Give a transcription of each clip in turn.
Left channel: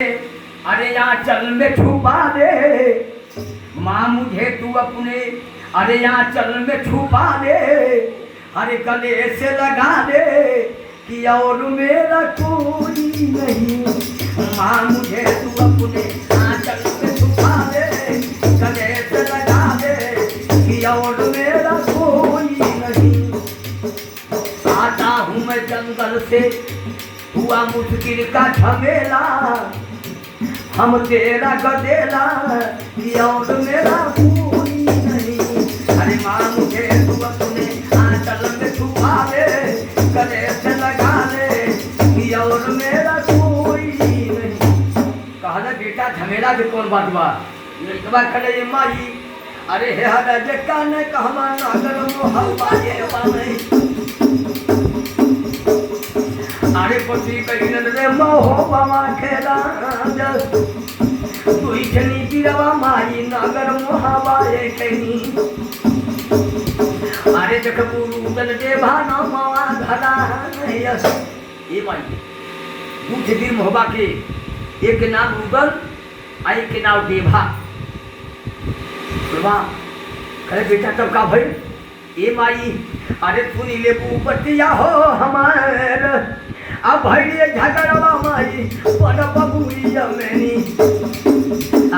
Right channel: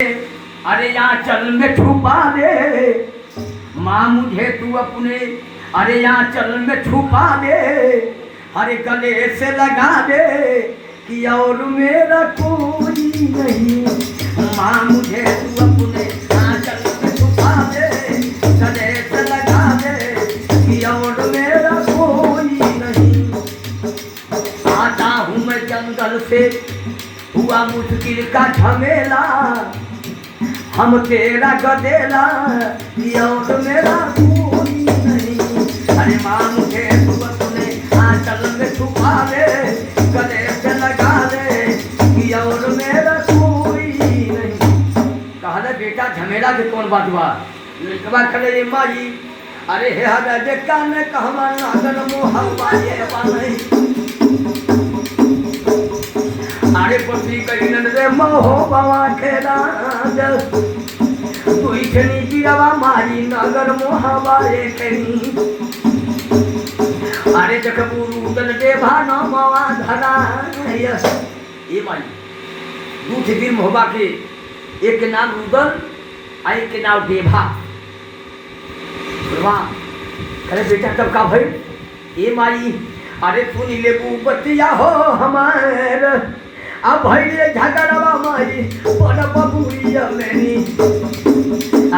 अरे यहाँ चल में छुपा दे माँ मुझे तू अपने, अरे यहाँ चल में छुपा दे, अरे गले से लगा दे कि और मेरा कोई नहीं। माँ मुझे तू अपने यहाँ चल में छुपा दे, गले से लगा दे कि और मेरा कोई नहीं। आता हूँ मैं जंगल से, हुआ मुश्किल का झमेला, हम तेरा गदेला और मेरा कोई नहीं। अरे माँ मुझे तू अपने आंचल में छुपा ले, गले से लगा ले और मेरा कोई नहीं। कहा बेटा झमेला के कौन बात बा, लिखवा करे रे माई, अरे हे हर जे कान कहवा अगर मोहब्बा ये वाले, अरे पति कहिन रे मोह बाबा खेला तुई खनी गिरावा माई नगर मोहबाए खनी। अरे देख गुरु दल देवा नमवा धरा यस ए माई दूध वीर मोहबा के एक के नाम रुदल आ एक के नाम देवा। वाह अरे बेटा तब का भाई ए माई, अरे सुनी ले बतिया हो हमार अब भैले झगड़वा माई बड़ बबुरिया मैनी।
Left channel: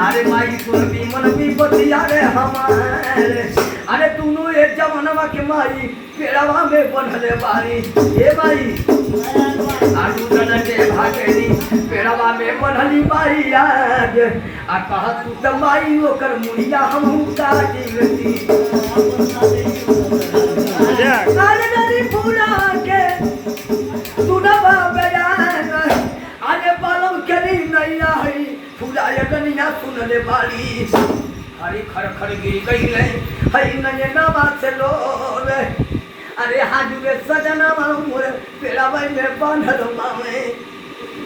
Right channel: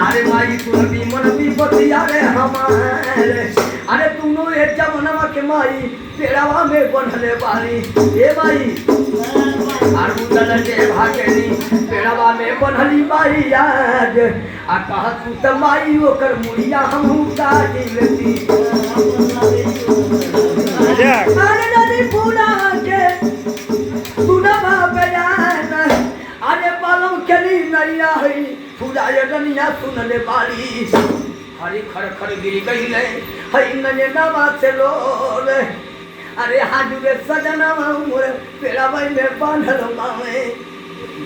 अरे माई तुम भी मन भी बतिया रे हमारे, अरे तूनो एक जमनवा के माई पेड़वा में बनले बारी ए माई, आलू दल के भागेली पेड़वा में बनली बारी आज आ कह तू त माई ओकर मुड़िया हमहू काट लेती। अरे नदी पूरा के तू न बाबया, अरे बालों करी नैया है पूरा यगनिया सुन ले बाली, हरी खर खर गिर गई ले हई नयनवा से लोल। अरे हाजुए सजना मोर पेड़ावई में बांधल मामे,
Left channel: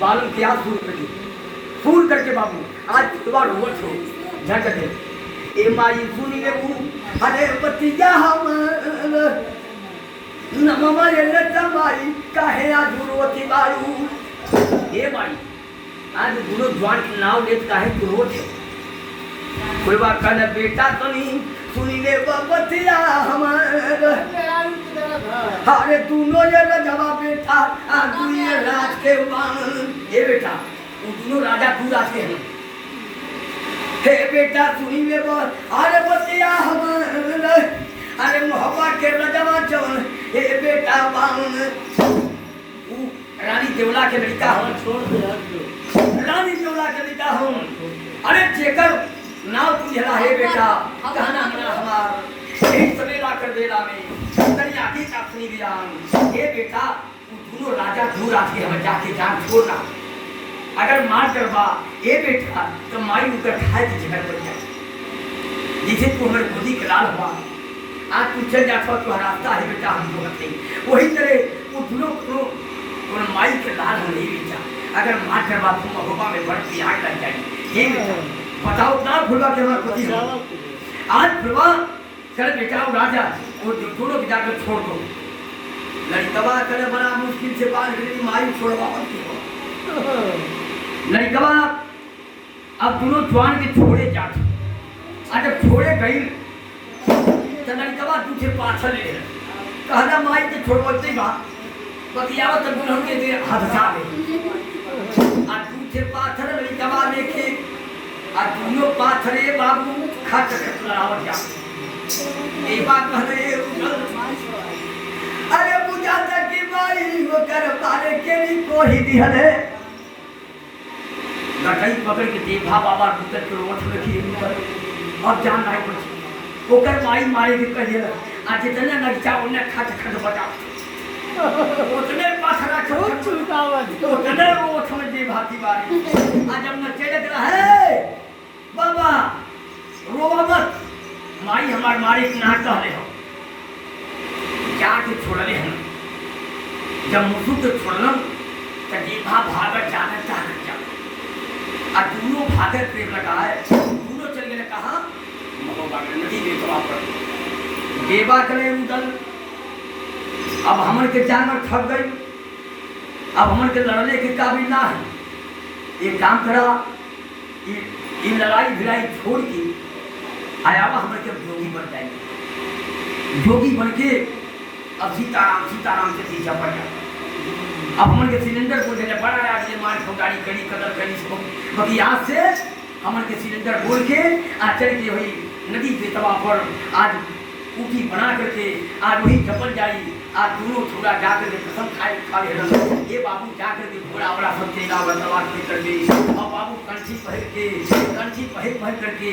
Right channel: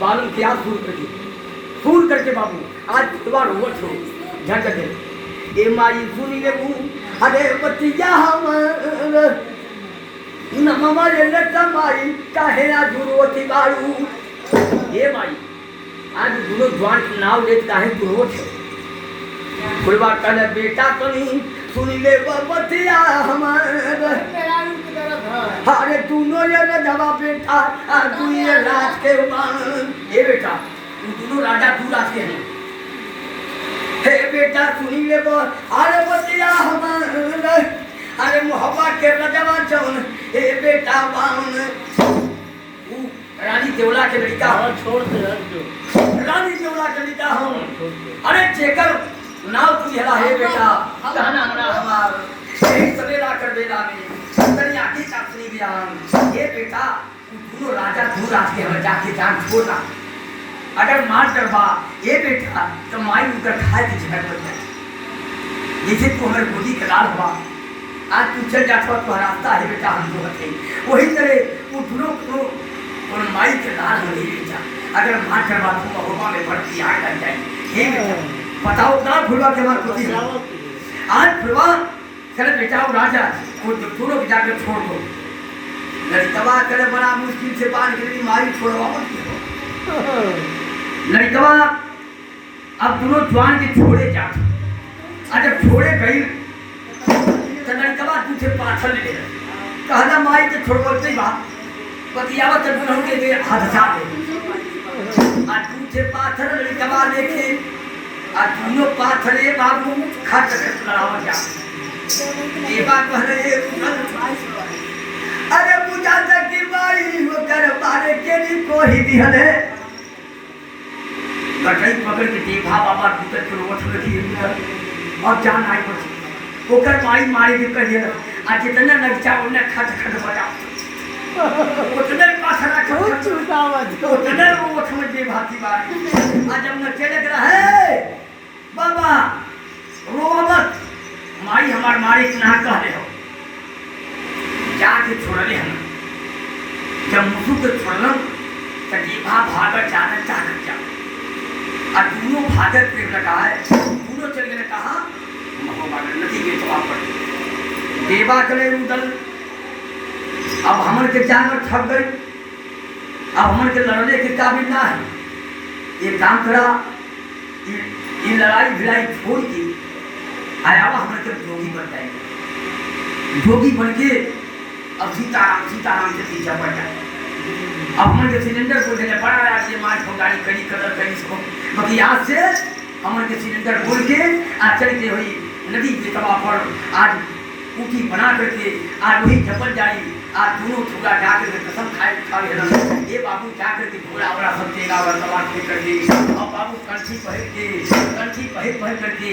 बालों के आंसू फूल करके बाबू आज तुम्हारा होठ हो झट दे ए माई सुन ले बू। अरे बतिया हमर नमवा ये लटा माई काहे आज रोती बारू ए माई, आज दुनो जवान के नाव लेत काहे गुरोत है। कोई बात कहले बेटा तनी सुनी ले बतिया हमार, अरे दोनों ये रजवा बेटा आ तू ये राज के बाण ए बेटा तू दोनों राजा तू राज के हैं। हे बेटा सुनी ले अरे बतिया हमार, अरे मोहब्बा के रजवा चौन हे बेटा बाण रानी देवला के लड़का हो छोड़ दे रानी देवला के लड़का हो। अरे जेकर नाव तुझला है बेटा कहना मना हमार एक सवेरा कर बेला में तनी आखी का सुनी बियान ये बेटा दोनों राजा दू राज के हम जाके जान छोड़ा, अगर मार करवा ये बेटा तो माई उनका खाए की जगह पर जाए। जिसे तू हमारे गोदी के लाल हुआ आज तू चल जाता तो रास्ता है बेटा हम तो बचे वही तरह वो दोनों और माई के लाल हो नहीं बेटा, अगर मार करवा तो महोबा में भर्ती आग लग जाएगी। ये बताओ ना फुलवा के मार कुछ आज फुलवा चले बेटा वो राजा वो दोनों के जाकर छोड़ दो, लड़कवा करे बड़ा मुश्किल से बाहर गिरी माई छोड़वा लड़कवा अब दोनों जवान के छोड़े जाते, अगर छोड़े गई तो लड़कवा तुझे पाछल ले कहना माई तो छोड़ते ही बात बतियावा तो गुनहु के दे हादसा दे आ तुझे पाथर लड़कवा लेके आ दोनों पाथरे बाबू खट खट लड़ावत जा ए बात कहले अरे पूजा तक की माई वो कर पारे के लिए कोई दिहले गठई पकड़ के देखा बाबा भीतर के रोट रखी और जान आई पड़ ओकर माई मारे के कहिए आ जितना नगचा उन्हें खट खट बजा उतने पाथरा खट छुटावत उतने रोट में दे भाती बारी आ जब न चले रहे बाबा रोवत माई हमार मारे के ना कहले हो जाके छोड़ले हम जब मुसु के छोड़लन त जीभा भागत जाना चाहत जा आ दोनों भागत प्रेम लगाए दोनों चल गए कहा महोबा नदी में तो आप देवा चले उदल। अब हमन के जानवर थक गई, अब हमन के लड़ने के काबिल ना है एक काम करा, ये लड़ाई भिड़ाई छोड़ के आया हमारे के जोगी बन जाए, जोगी बन के अब सीताराम से पीछा पड़ जाए। अब हमारे के सिलेंडर को देने पड़ा आज ये मार गाड़ी कड़ी कदर कड़ी सब बाकी आज से हमारे के सिलेंडर बोल के आज चल के हुई नदी के तवा पर आज ऊटी बना करके आज वही जबल जाई आज दोनों छोड़ा जाकर के कसम खा ले ये बाबू जाकर के घोड़ा वोड़ा सब देगा और तलवार फेंक करके और बाबू कंठी पहन करके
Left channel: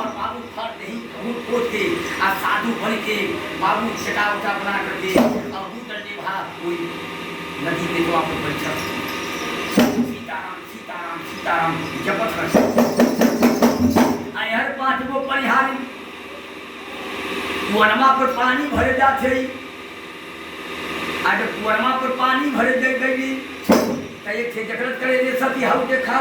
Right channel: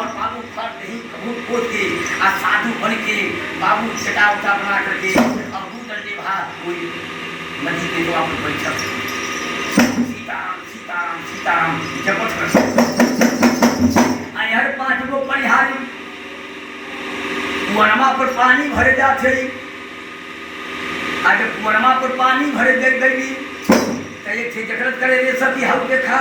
और बाबू फर नहीं कबूल खोद के आज साधु बन के बाबू छटा उठा बना करके अब डंडे भा कोई नदी के द्वार पर परीक्षा सीताराम सीताराम सीताराम जपत कर आई हर 5 गो परिहारी कुआरमा पर पानी भरे जाते आज कुआरमा पर पानी भरे दे गई एक थे जगरत करे रे सखी हव देखा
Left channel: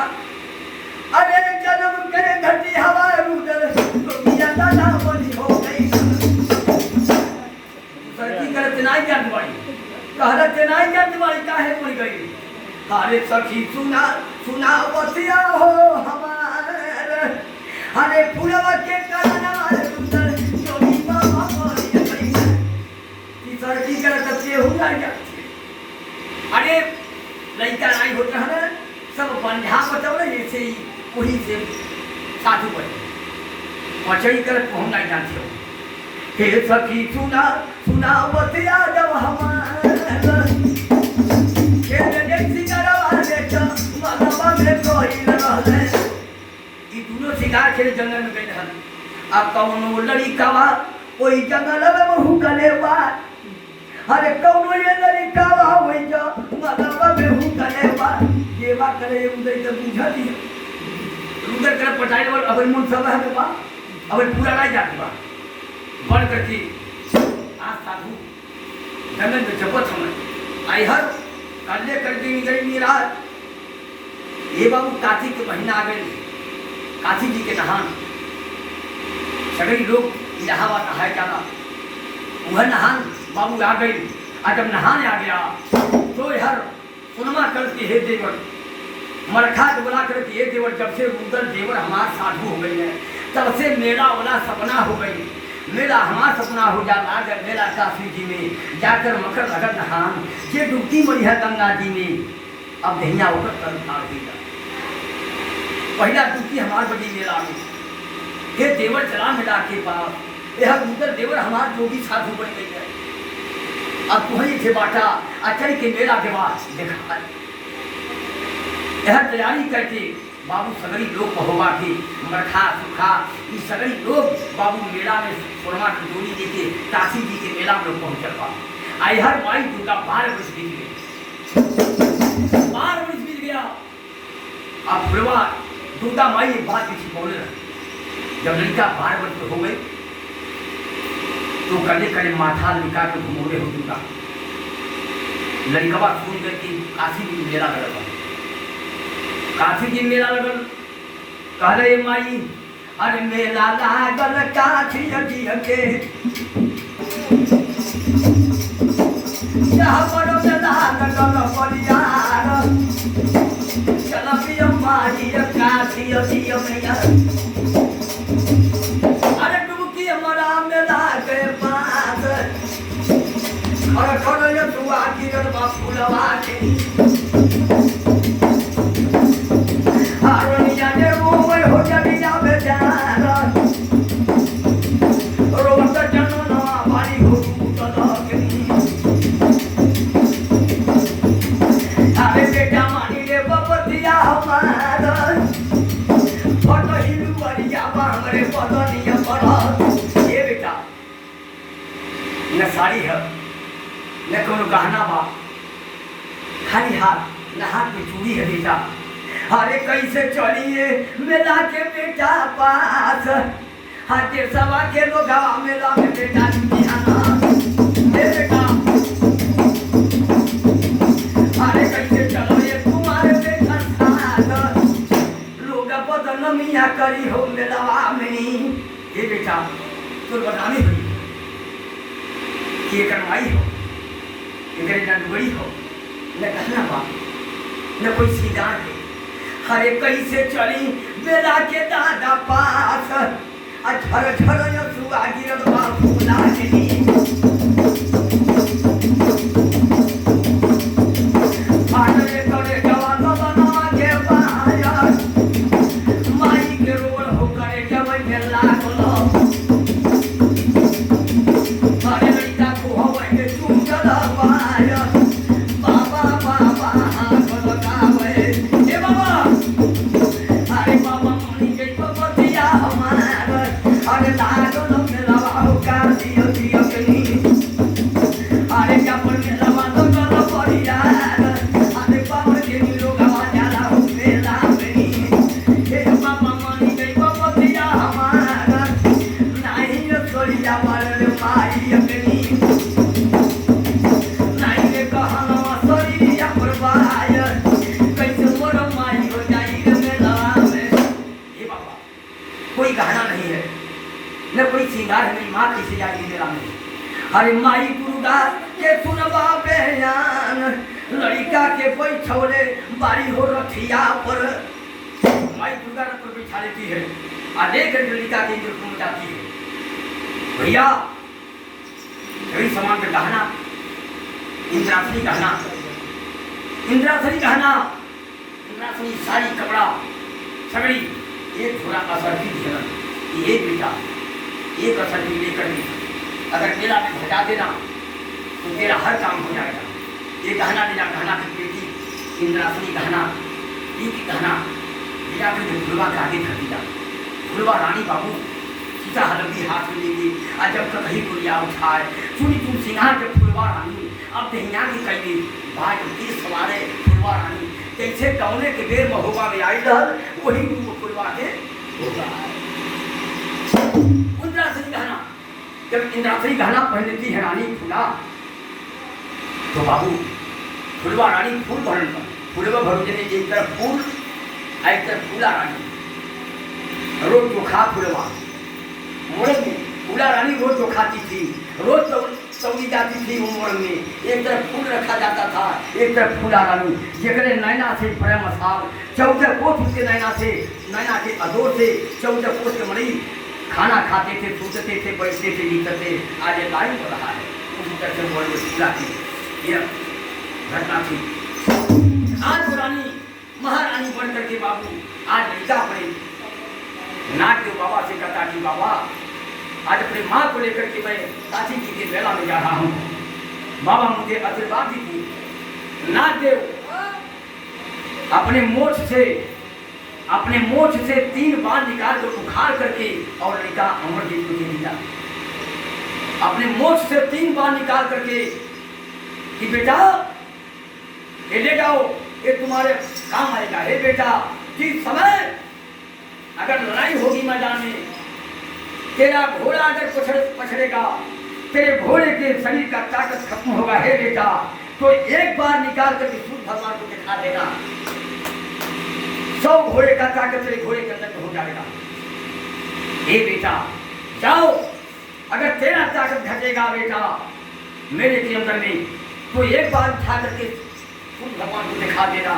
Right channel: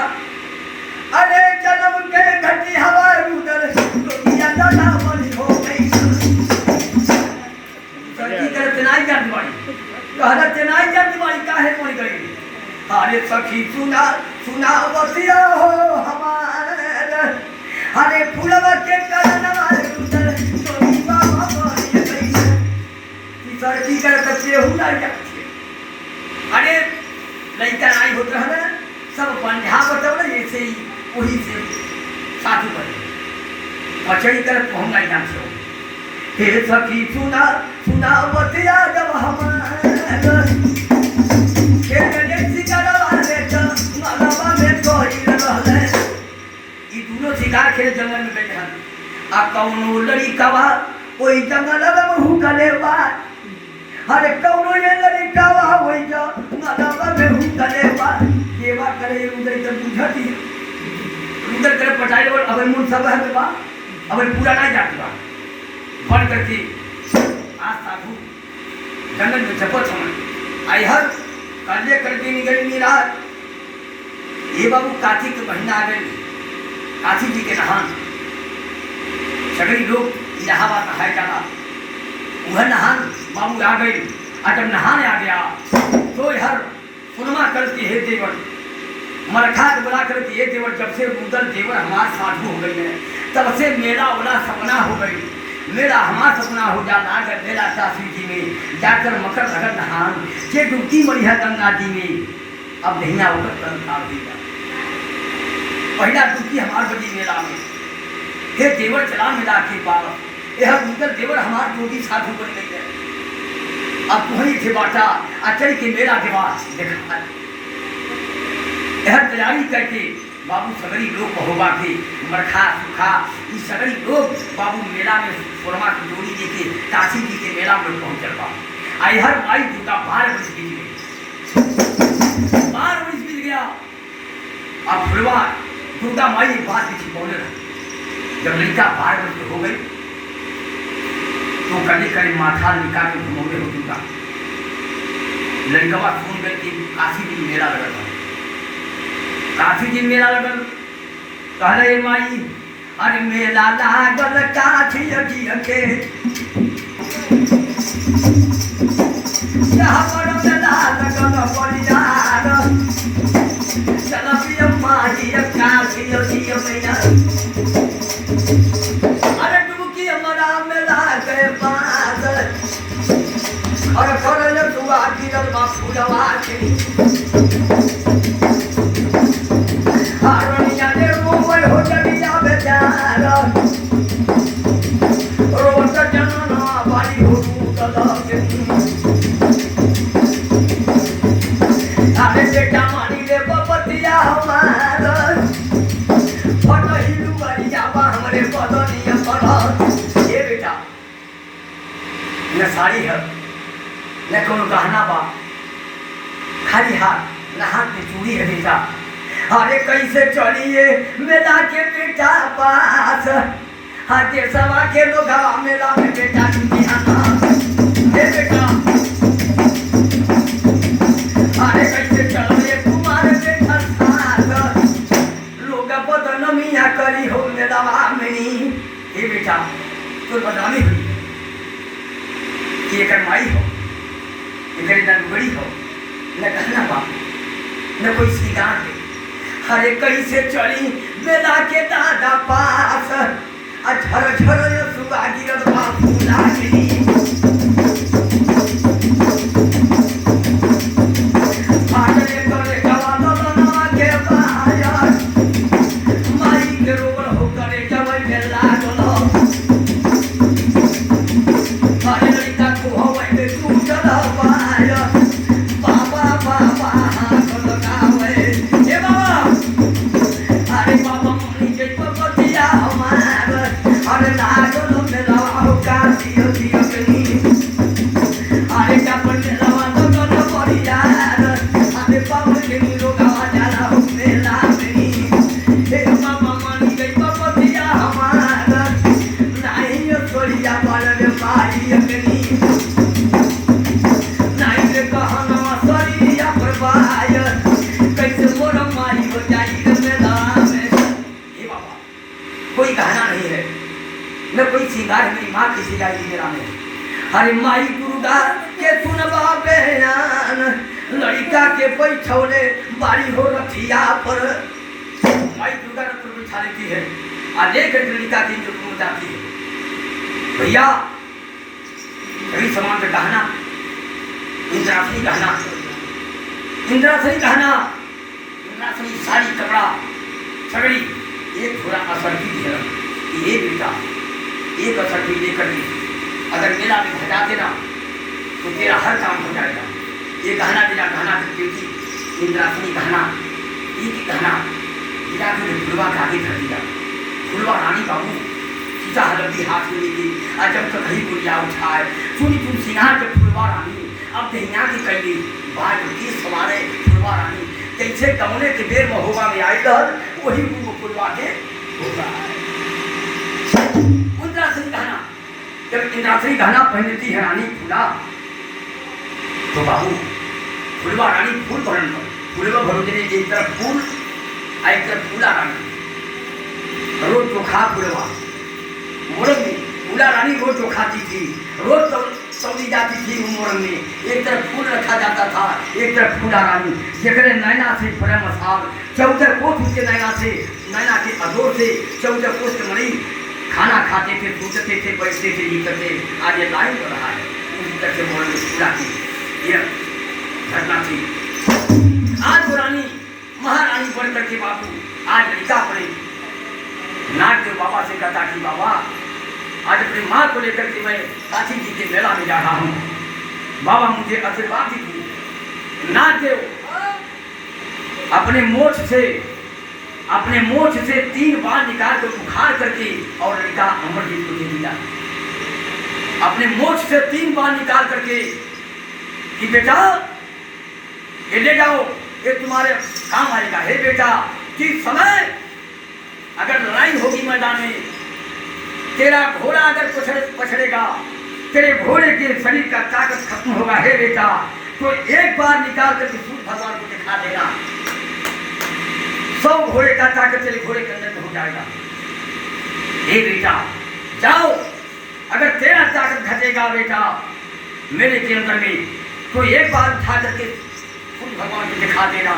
अरे जन्म के घटी हवा रुदर दुनिया दादा बनी हो गई सखी करत नहीं जात बाड़ी कहत नहीं जात बाड़ी काहे मर गई अरे सखी सुना सुना बतिया हो हमार अरे फूलवा के चरणवा रुदर की करत से हो ना अरे लड़का नहीं होता है सब बंधा बताओ ना ऐसे ही वही से साधु बने पचई कर हम नहीं जानते हो हे सखी सुना सुना बतिया जब हमारा के ने सिकरवा ले ज मनवा में कोई रहले ई दोनों शिकार खेले जंगल में गए हन आ कौनो लड़कावा ओई जंगल में हुकलेवा अरे कौनो ये लड़कावा होई जा मनवा में हुकलेवा देवा करे उदय तो बुझती उदय करे पटाई और अब मुन सब है बा अब पूरा नहीं जाती बा बन करके आज साधु जंगल में जपत हम आई हर कल्ले कर दी गई मेरा ये बाबू कार्तिक के महीना आ गए काशी जी के नहान सगरी लोग इलाहाबाद नहाए जाना वह नहान बाबू आ गई आज जब नहाने आ गया तो हर सुनमा करती है देवर मरखा बोला करती है देवर जब से रुदल देवर हमार साधु हो गई है तब से मेरा वाला सपना हो गई मेरा हमारा सपना हो जाना अगर मेरा काशी जी में जाकर मकर लगन नहान के डुबकी मरी है गंगा जी में अब नैया होकर कल उतार देगा पहला डुबकी हमार बजी मेला में हे देवर चला मेरा के पास यह रुदल देवर हमार जोगी साधु बन गई है अब तुम्हारी थे बाटा अचल के मेरा दिमाग देखा यह तैयारी करके बाबू सगरी लोग महुआ के मरखा सुखा ये सगरी लोग बाबू मेला में सोनमा की डोरी लेके काशी जी के मेला में लोग पहुंचल बा आई हर माई दुर्गा 12 बज गई 12 बज गया अब फुलवा दुर्गा माई एक बात किसी बोले जब लड़का 12 बज हो गई तो कले कले माथा निकाल के घुमोड़े हो दुर्गा लड़का सुन गए कि काशी जी मेला लगल बा काफी दिन मेला लगल कहले माई अरे मेला लागल काठी अगिया के यहाँ पर मेला लगल परिजार चल पिया माई काठी अगिया मैया अरे डुबकी हमारा मेला के पास और करल दुआ गिरल बा फूलवा के न साड़ी है न कोनो गहना बा खाली हाथ न हाथ में चूड़ी है बेटा अरे कैसे चलिए मेला के बेटा पास हाथे सवा के लोग मेला में बेटा बेटा अरे कैसे चलिए तुम्हारे बेटा साथ लोग बदनामिया करी हो मेला में ये बेटा तो बदनामी हुई ये माई हो ये न बड़ी हो न कहना बा न कोई श्रीगान है हरे कैसे चली मेला के दादा पास झर झर सुबह गिरल बाबू लागली हरे माई दुर्गा के सुनबा बयान लड़का के बैठौले बारी हो रथिया पर माई दुर्गा ने पर बैठा लेती है और लेकर लड़का के इंद्र जाती है। भैया कई समान का गहना इंद्रासनी गहना इंद्रासनी गहना इंद्रासनी साड़ी कपड़ा सगड़ी ये थोड़ा असर की है ये बेटा एक असर की लेकर अगर मेला में घटा देना तो तेरा हर काम हो जाएगा। ये गहना बिना गहना की बेटी इंद्रासनी गहना एक गहना बिना के फुलवा के आगे धर दिया। फुलवा रानी बाबू सीता हलदी हाथ में लेगी और जब तक कहीं गुड़िया उठाए चुनी चुन सिंगार के फुलवा रानी अब दहिया की कैली बाज की सवारे फुलवा रानी कैसे कौने के बेर में होगा में आई डर वही उनको फुलवा के होगा इंद्रासनी गहना। जब इंद्रासनी गहना पहन लेती है रानी फूला तो बाबू फुलवा रानी फूल पहन लो फुलवा भरोजने एक तरफ फूल एक तरफ फूला रानी रोज चोखा फुलवा मोरंग में फूला रानी रोज चोखाती थी रोज सऊदी जाती थी वो मोरंग में एक तरफ फूल रखा जाता था एक तरफ फूला रानी जगरे नैना से बड़े मसाल 14 कोस उसके नैना के अदोर से 14 कोस के मरी खाना खाते थे सोचते थे बैठते थे जीते थे आज ये लाइन हो रहा है उसी तरह से मोरंग में फूला थी ये घटना थी। आज पुरानी महारानी बन करके बाबू आज लड़का पड़े नाग देव बाबा से कहता कि बाबा आज अपनी माँ को लेकर के मैं काशी जी के मेला में जा रहा हूँ बाबा मुझे आशीर्वाद दीजिए। नाग देव अपने मोछ से 3 बाल निकाल कर उखाड़ करके और लड़का अमरजीत को दे दिया। अपने मोछ से 3 बाल निकाल करके कि बेटा ये ले जाओ ये तुम्हारे काम आएगा। हे बेटा जिस समय अगर लड़ाई होगी मैदान में तेरा घोड़ा अगर पछड़ेगा तेरे घोड़े के शरीर का ताकत खत्म होगा हे बेटा तो एक बार निकाल कर सूर्य भगवान को दिखा देगा 100 घोड़े का ताकत तेरे घोड़े के अंदर हो जाएगा। हे बेटा जाओ अगर तेरा ताकत घटेगा बेटा मेरे के अंदर में तो एक बार उठा करके सूर्य भगवान को दिखा देना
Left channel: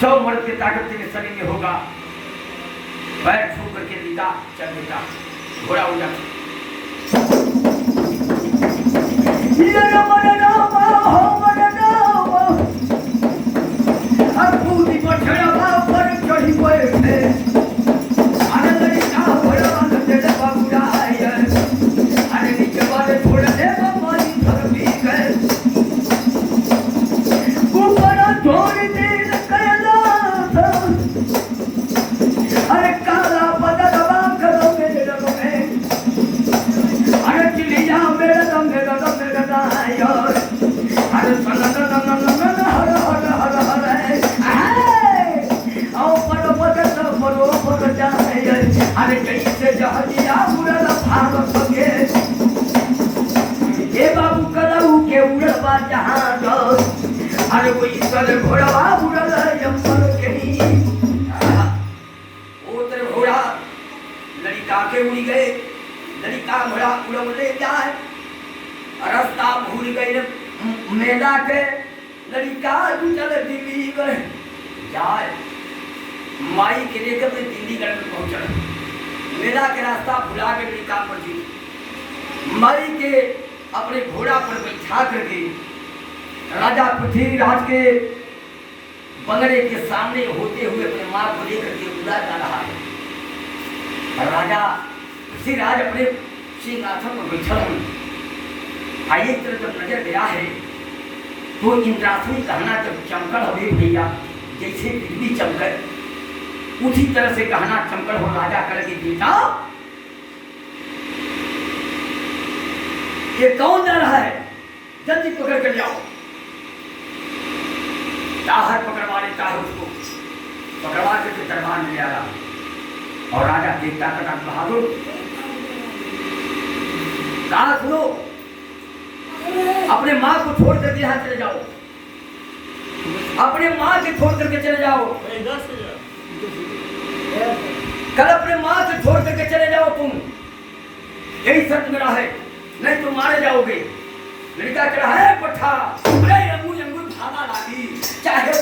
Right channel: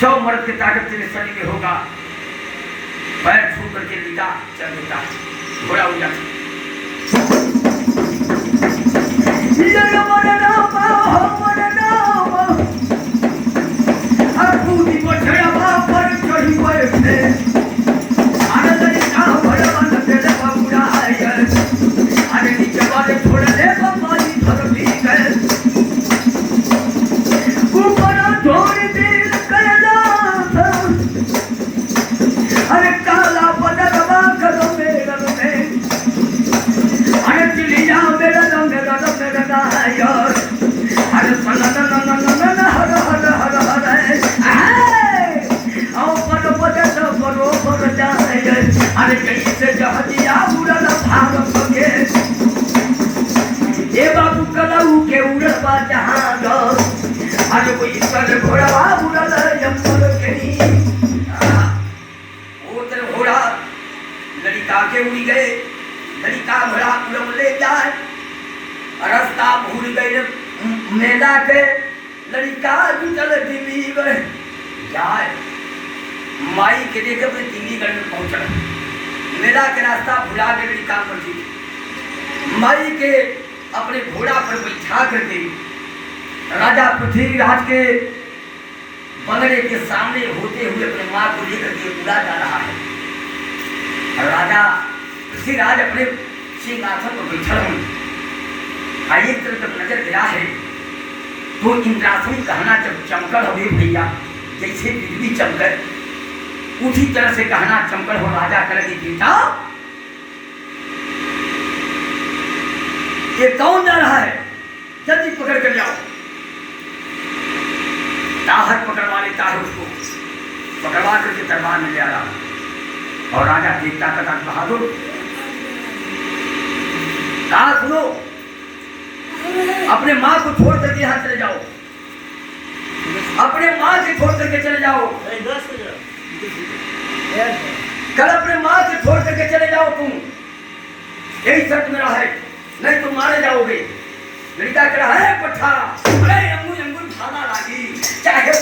100 मर्द की ताकत तेरे शरीर में होगा। पैर छू करके लिखा चल बेटा घोड़ा हो जाता रास्ता भूल गए मेला के लड़का जुटल दिल्ली जाए माई के लेकर अपने टीलीगढ़ में पहुंचा। मेला के रास्ता भुला के मेरी काम पर थी। माई के अपने घोड़ा पर बैठा करके राजा पृथ्वीराज के बंगले के सामने होते हुए अपने माँ को लेकर के उड़ा जा रहा है। राजा पृथ्वीराज अपने सिंहासन पर बैठा हूँ। एक तरफ जब नजर गया है तो इंद्रासनी कहना जब चमकल हो भैया, जैसे बिजली चमकर उसी तरह से कहना चमकल हो। राजा करके बेटा ये कौन जा रहा है, जल्दी पकड़ कर जाओ। ताहर पकड़वा लेता है, उसको पकड़वा करके दरबार में ले आ रहा। और राजा देखता था बहादुर कहा सुनो, अपने माँ को छोड़ करके यहाँ चले जाओ, अपने माँ के छोड़ करके चले जाओ, कल अपने माँ से छोड़ करके चले जाओ तुम, यही शर्त मेरा है, नहीं तो मारे जाओगे। लड़का कह रहा है पट्ठा, अरे अंगूर अंगूर भागा लागी, चाहे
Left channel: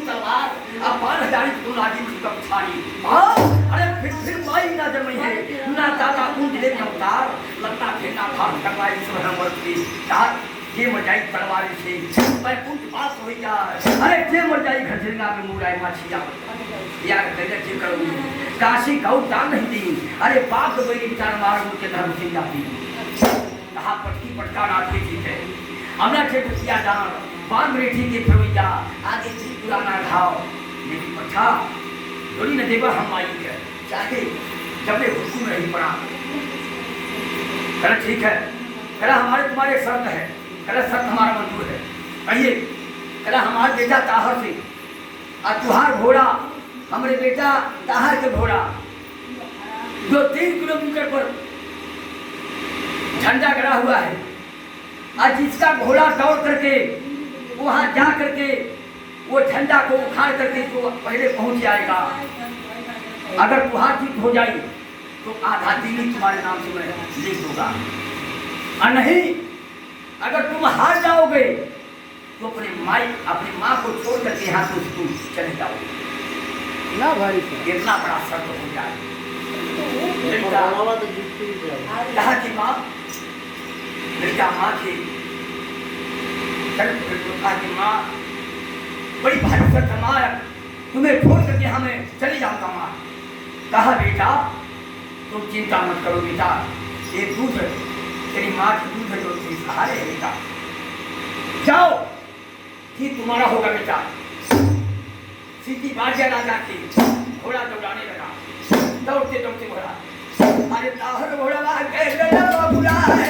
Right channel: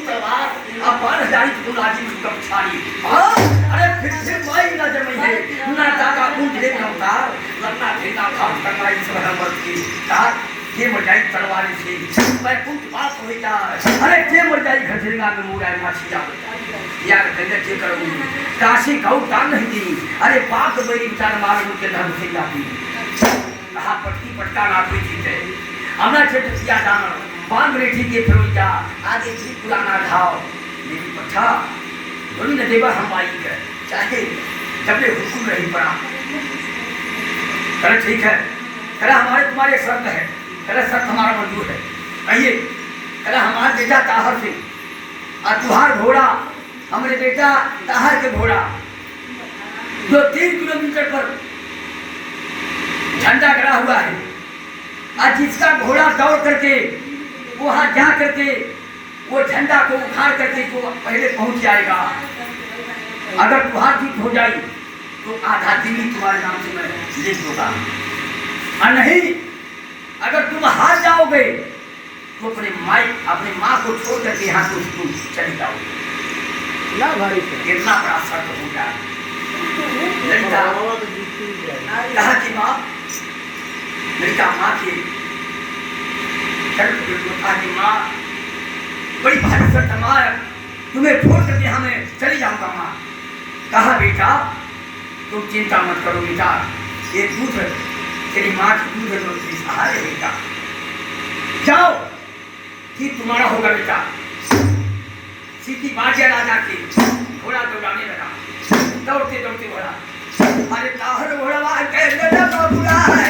तलवार अपार हजारी तो लागी मुझको पछाड़ी। अरे फिर माई ना जन्मी है ना दादा कुंज ले अवतार, लपना फेंका भाग करना इस वह की कहा ये मर जाई तलवार से मैं कुंज पास हो गया। अरे ये मर जाई घरसिंगा में मुराई माछी जा यार कैसे जे करूं काशी गौ दान नहीं दी। अरे बाप तो मेरी विचार मार उनके धर्म से जाती कहा पटकी पटका ना कोई चीज है। हमने छेट किया जाना बांध रेठी के फिरोजा आगे जी पुराना घाव लेकिन पट्ठा थोड़ी न देवा हम आई है, चाहे जब हुक्म नहीं पड़ा। कह ठीक है, कह हमारे तुम्हारे शर्त है, कह शर्त हमारा मंजूर है। आइए कह हमारे बेटा ताहर से और तुहार घोड़ा हमारे बेटा ताहर के घोड़ा जो 3 किलोमीटर पर झंडा गड़ा हुआ है, और जिसका घोड़ा दौड़ करके वहां जा करके वो झंडा को उखाड़ करके जो पहले पहुंच जाएगा, अगर तुहार जीत हो जाए तो आधा दिल्ली तुम्हारे नाम से मैं लिख दूंगा, और नहीं अगर तुम हार जाओगे तो अपने माँ को छोड़ करके यहाँ से तुम चले जाओगे ना भाई। कितना बड़ा शर्त हो जाए। कहा कि माँ लड़का माँ के कहा कि माँ बड़ी भारी शर्त माँ तुम्हें छोड़ करके हमें चली जाऊंगा। माँ कहा बेटा तुम चिंता मत करो बेटा, ये दूध तेरी माँ की दूध है तो सहारे बेटा, जाओ ठीक तुम्हारा होगा बेटा। सीधी बाजिया राजा की घोड़ा दौड़ाने लगा, दौड़ते दौड़ते घोड़ा अरे ताहर घोड़ा के लगा बुला है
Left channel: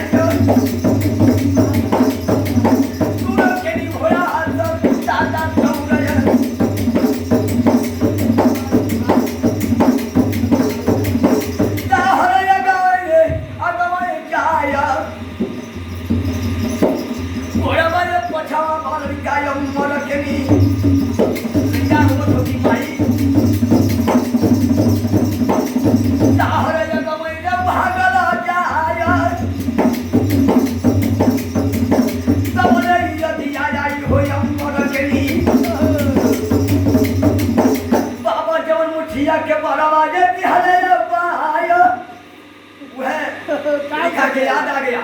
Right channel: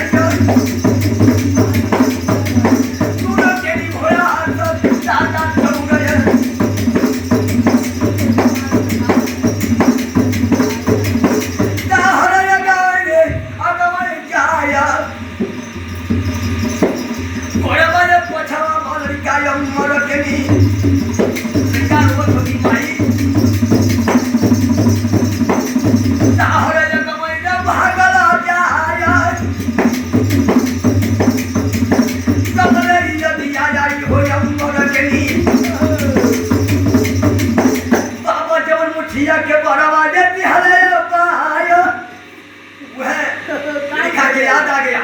याद आ गया।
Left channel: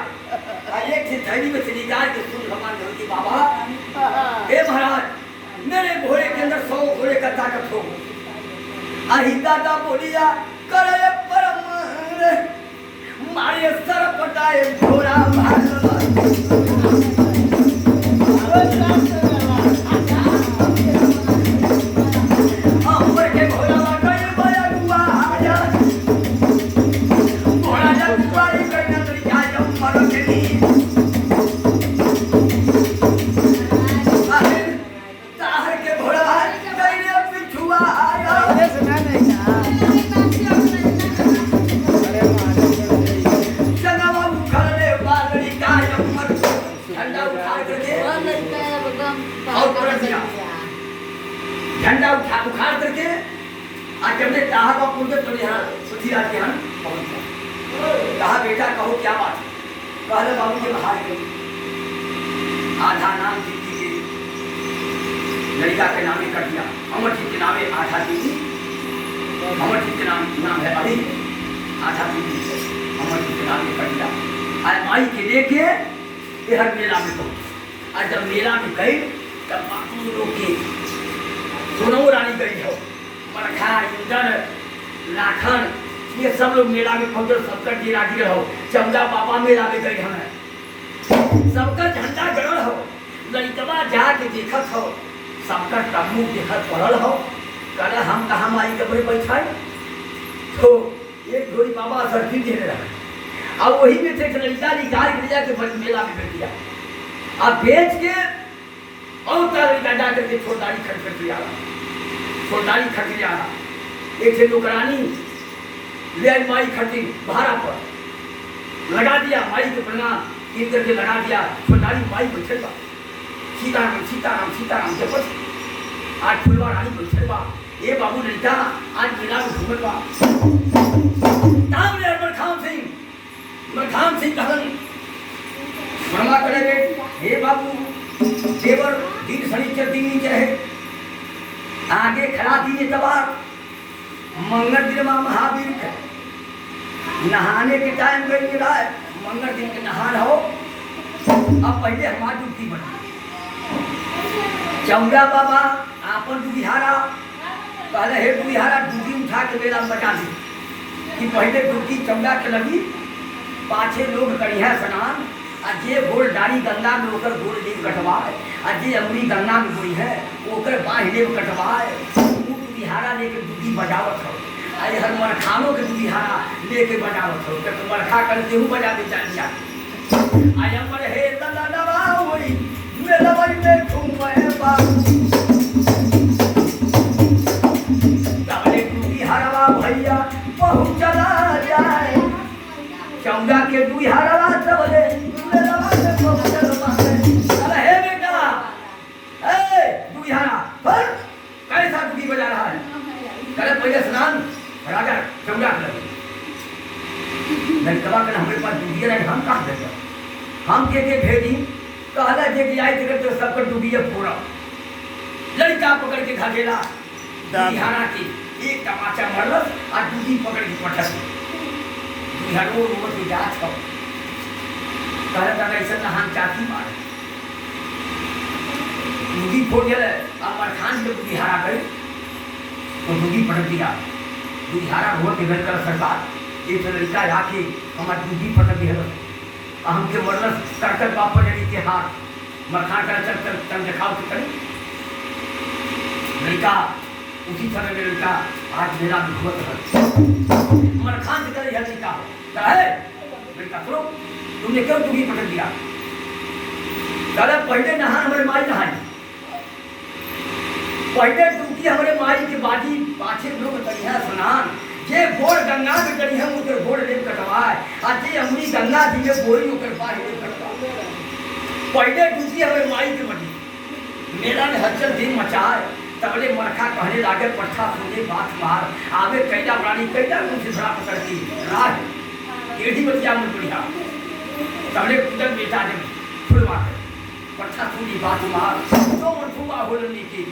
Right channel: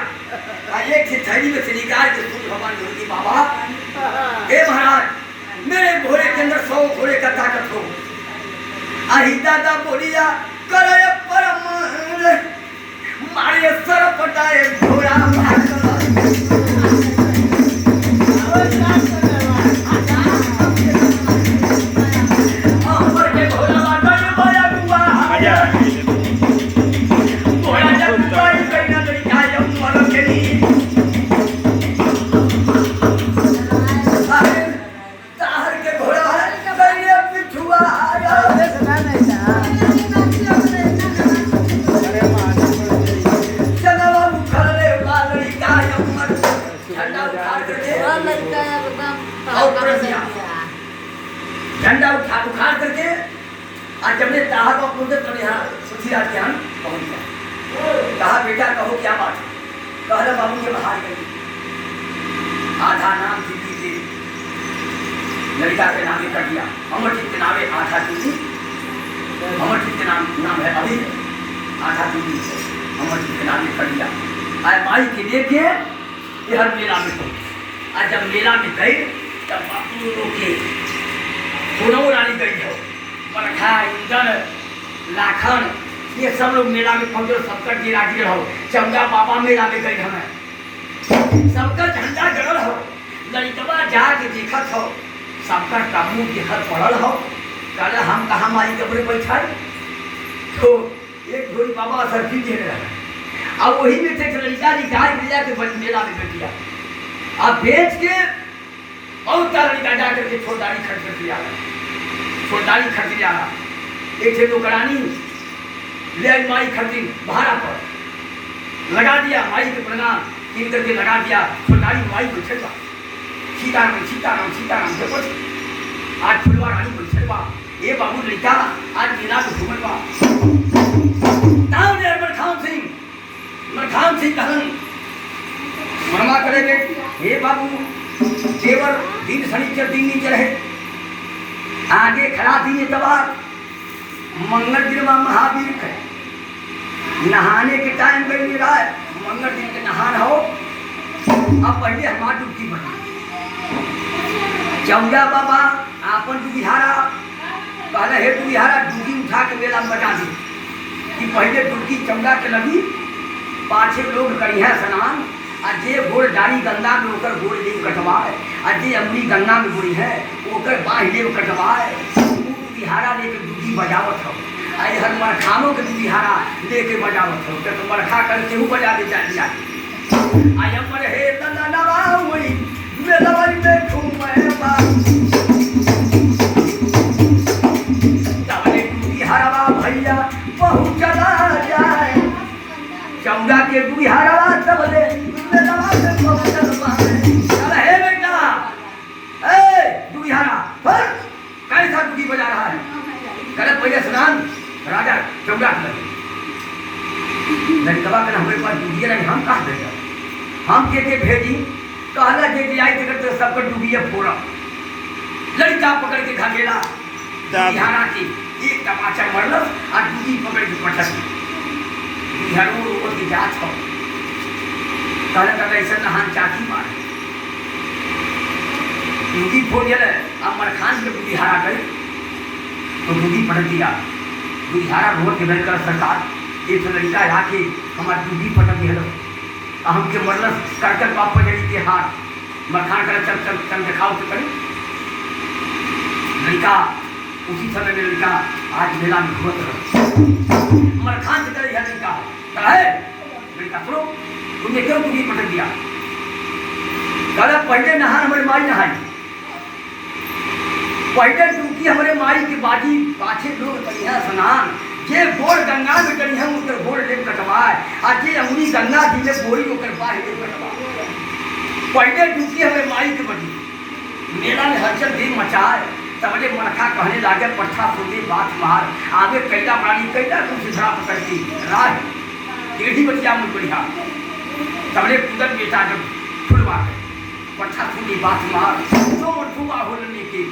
एक थैली में से निकाल के भगवान धोती बाबा हे महाराज मेरे घोड़े के अंदर 100 घोड़े का ताकत हो। दादा बोलिया करे परम मारे सर पटाए घोड़ा झंडा उखाड़ करके आज जब ने ताहर को पूछे तो यहाँ पृथ्वीराज के यहाँ पहुंच कहा बेटा कहो क्या बात है। कहले बाबू के बाहर गई आधा नाम दीदी के लड़का के नामे कर दिया, अमरजीत के नामे आधा दीदी अमरजीत के नाम है अभी आधा दूरी अमरजीत के नाम में कर दिया। आए माई के लेके ये हर मेला में पहुंचे। आज जब मेला में गए तब बापू लोग के सोनऊ रानी गई हो, मरखा इंदर लाखन ये सब लोग मेला में पहुंचे। सबका जी राजी हो, चमगा बाबा मेला में गई हमें, सबका झंडा गड़ल हो, लड़कवा जाके देखत हो, सबका तम्बू देखत पड़ल हो। कहले हम कहाँ माई कब्र बैठा तो एक जोड़ी बाबा सर्दी दे रहे अब वही में से लड़का जी गाय भैया के मेला में बेच दिया। अब बेच के और क्या लड़का जा करके छोड़दारी खर्च कर दिया, छोड़दारी खर्च दिया। एक थे नौकरानी ले आई माई खर्ची भाड़ा पर लगा दिया, माई के प्रणाम कीन करके लगा दिया। छोड़दारी माई बैठे बा, सीताराम सीताराम सीताराम जपत। आज फुलवा रानी बैठे बा, ये बाबू लड़का आज मेला में घूमल बा। मरखान सिंह कहलन मरमा करे बे, हे बाबू देवर दिन शनिचर दिन नीचे रहे, आगे खड़ा दिन इतवार, मंगल दिन में महावीर है, नहाने के टाइम गई रहा है, मंगल दिन के नहान हो। अब पहले हमारी डुबकी बनी, चौजा बाबा आपन डुबिहारा कहले हे डुबिहारा डुबकी उठा के मेला में बचा दी कि पहले डुबकी चौजा के लगी, पाछे लोग करिया स्नान, आ जे गोड़ डाली गंगा में ओकर गोड़ देव कटवाए, आ जे अमरी गंगा में गोड़ी है ओकर बाँह देव कटवाए। डुबिहारा लेके डुबकी बजावत हो, आई हर मरखानों के डुबिहारा लेके बजावत हो, तो मरखा कर केहू बजा दे चाहिए। आई हमर हे तलनवा होई मेलवन में घूमे बा, तबले डुबिहारा भैया बहुत चला जाए, चौदा के डुबिहारा तबले मेलवा में बहुत चलवा। अरे हे बेटा ए डुबिहारा पर कैसा डुबकी बजा रहा है? चले पहले स्नान राजा चौदा के लगे लड़कवा कर हमारे पास डुबिया नहीं, हम कहा देगा हम के भेजी कहला जे आई थे तो सबको डुबिया फोड़ा। लड़का पकड़ के घाघेला बिहारा की एक तमाचा मरलस और डुबी पकड़ के पटक बिहारो ऊपर की जांच हो कहला का ऐसा नहान चाची मार डुबी फोड़ गया। अब मरखान के बिहारा गए तो डुबी पटक दिया, बिहारा रोड के कर सरकार एक लड़का आके हमारे डुबी पटक दिया, हमके मरलस करकर बाप जड़ी के हाथ मरखान कर चल चल चल दिखाओ तो करी। लड़का उसी समय में लड़का आज मेला में घूमत रहा, मरखान की तरह यह लड़का कहे लड़का सुनो तुमने क्यों डुबकी पटक दिया? दादा पहले नहान हमारे माई नहाई, पहले डुबकी हमारे माई के बाजी पाछे लोग करिया स्नान, जे गोड़ गंगा में करी हम उनके गोड़ लेप कटवाए, आज जे अमरी गंगा जी में बोरी होकर बाहर लेप कटवाए। पहले डुबकी हमें माई के बजी मेला में हलचल भी मचाए, तबले मरखा कहने लागे पट्ठा फूले बात मार, आगे कैदा प्राणी कैदा तुम सिधरा पकड़ती राह टेढ़ी बतिया मन बढ़िया, तबले कूदन बेटा जब फुलवा है पट्ठा फूली बात मार, जो मनफूबा होलने की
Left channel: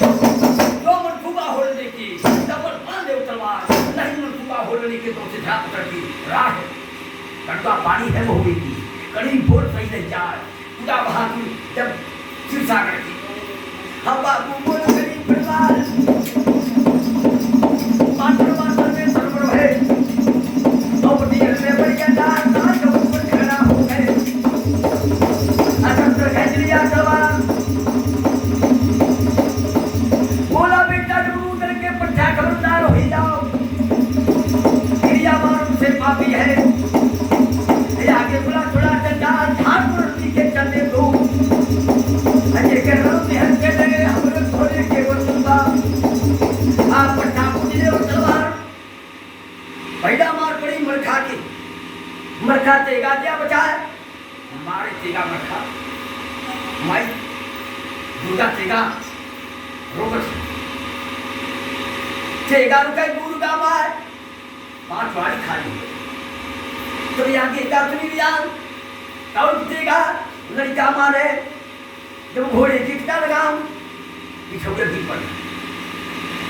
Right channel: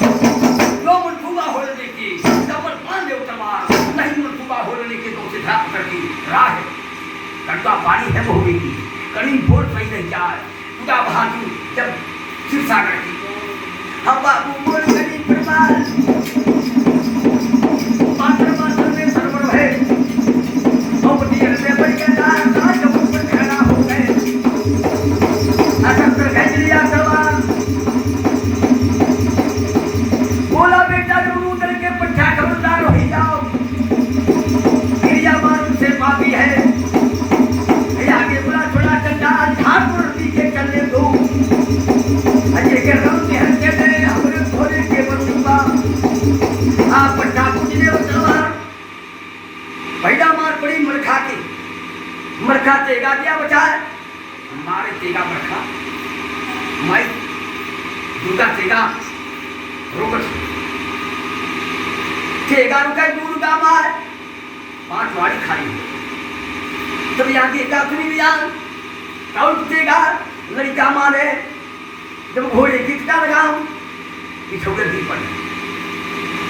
जो मनफूबा होलने की डबल बांधे तलवार, नहीं मनफूबा होलने के तो सिधा पकड़ती राह कटवा पानी है बहुबे की, करीब भोर सही नहीं जाए पूरा बहादुर जब शिव सागर की। हम बाबू मोर गरीब परिवार पात्र पात्र में सरवर है, अब दियर में बढ़ गया ना जो ऊपर खड़ा हो गए, असंतर खींच लिया सवाल, बोला बेटा जब उतर के पट्टा खबरदार हो ही जाओ, क्रिया मारूं से पापी है, आगे बुला छोड़ा चंदा ठाकुर पीछे चलने दो, अजय के रंग में हंसे दे हमरे थोड़े के बरूंगा, आप पट्टा पूजने तलवार पैदा मार पड़ी मरखा की, मरखा तेगा दिया बचाए मारे तेगा मरखा माई दुर्गा तेगा रोकत तेगा रुका दुर्गा मार 5 वाली खाई तो यहाँ की काफी लिया तब तेगा लड़का मारे जब घोड़े की टिका लगाऊं पिछोड़े दी पड़ी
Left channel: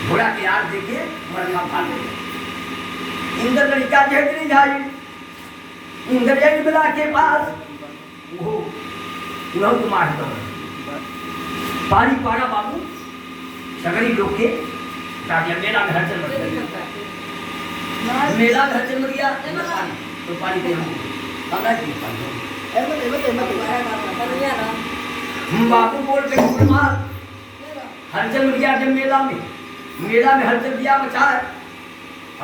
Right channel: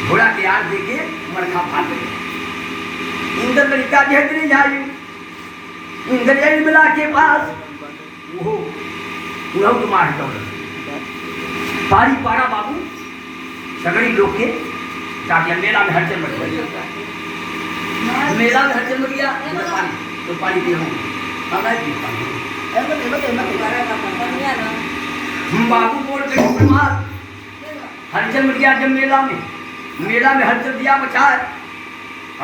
घोड़ा के आग देके मरखा फाड़ गए। इंद्र लड़का घेर जाए इंद्र जाए बिला के पास वो तुरंत मार दौड़ पारी पारा बाबू सगड़ी लोग के ताकि मेला में हलचल मच गई। मेला में हलचल मच गया तो पानी पे बाबू बोल के हलचल मच गया। जब मेला में हलचल दिया बचाए।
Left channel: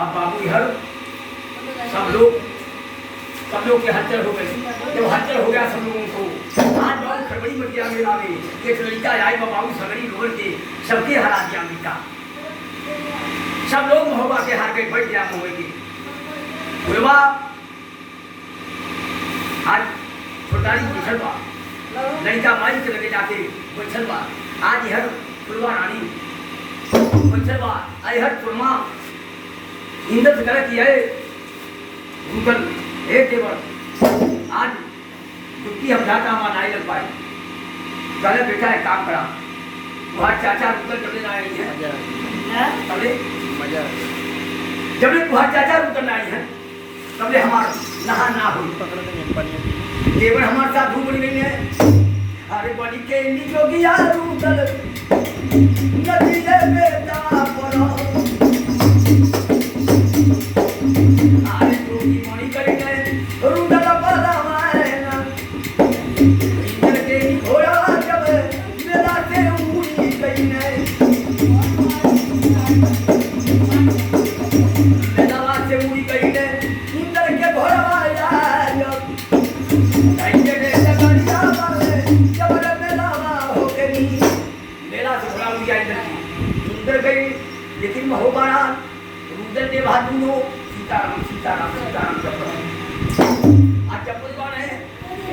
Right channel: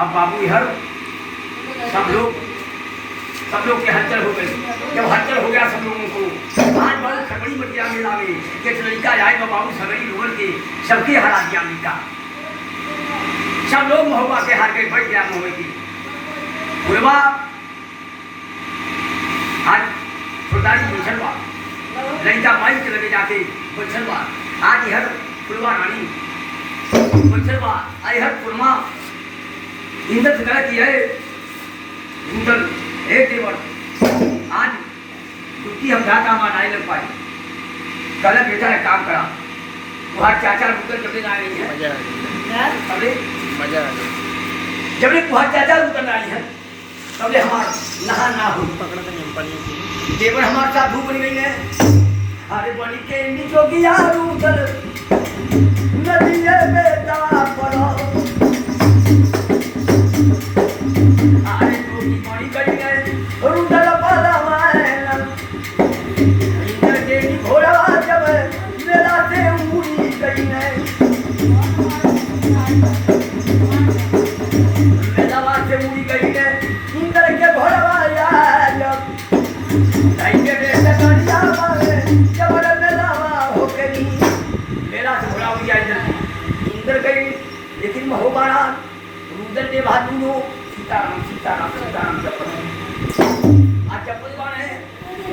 अब बाबू इधर सब लोग के हलचल हो गई। जब हलचल हो गया सब लोगों को आज बाबू खगड़ी मच गया मेला में कि लड़का आए बाबू सगड़ी लोगों के सबके हरा दिया अमेरिका। सब लोग महुआ के हार गए बैठ गया महुए के फुलवा आज फुलदारी बैठल बा लड़का माई के लगे जाके बैठल बा। आज इधर फुलवा रानी बैठल बा इधर फुलमा इंद्र से कह कि है इंद्र हे देवर आज दुखी हम जाता हमारा नहीं लग पाई। कल बेटा एक काम करा तुम्हारे चाचा रुकल कभी ना आई है मजा जब ले तुम्हारे चाचा रुकल आई है तब ले हमारा नहा ना हो पकड़ देंगे देवर हमारे साथ धूप बन गई है। अरे बनी के जोगिया रुकल नदी में दवा पड़ो अरे जोगी मरी गई है रुकल पड़ा लेकिन महोबारा रुदल ने भादू सीताराम सीताराम सीताराम चप्पल आज चप्पल कौन है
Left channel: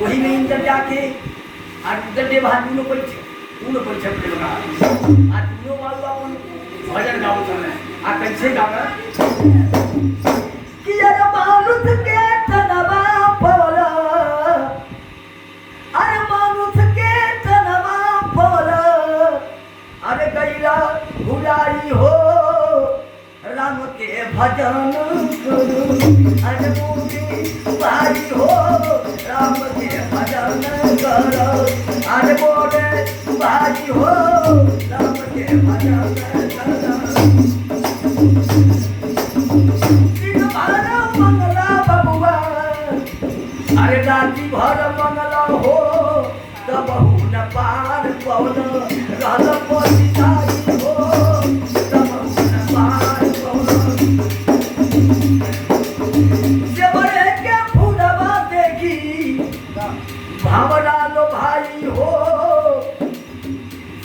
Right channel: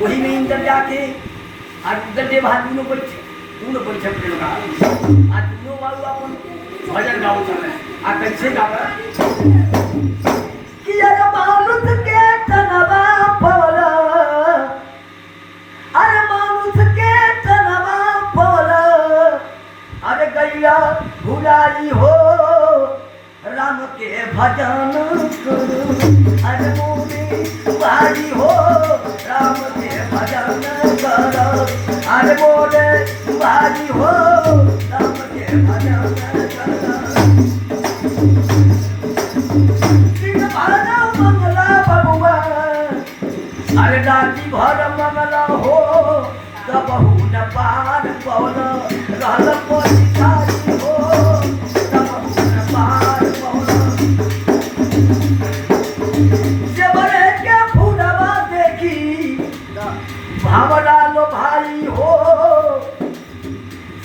वही में इंद्र जाके आज रुदल ने भादू तूने परीक्षा के लगा आज दोनों बाबू अपन भजन गाओ चल रहे आज कैसे गावा कि यार मानुष के तनवा पौला अरे मानुष के तनवा पौला अरे गैया भुलाई हो राम के भजन करो अरे मोरे भाई हो राम के भजन करो अरे मोरे भाई हो राम के भजन करो दिन भर मंगला बबुआ अरे राती भर मंगला हो तब न पार पौन रहल पछिताई हो तब न पार पौन जेबरे के फूलवा देखी भावना लो भाई हो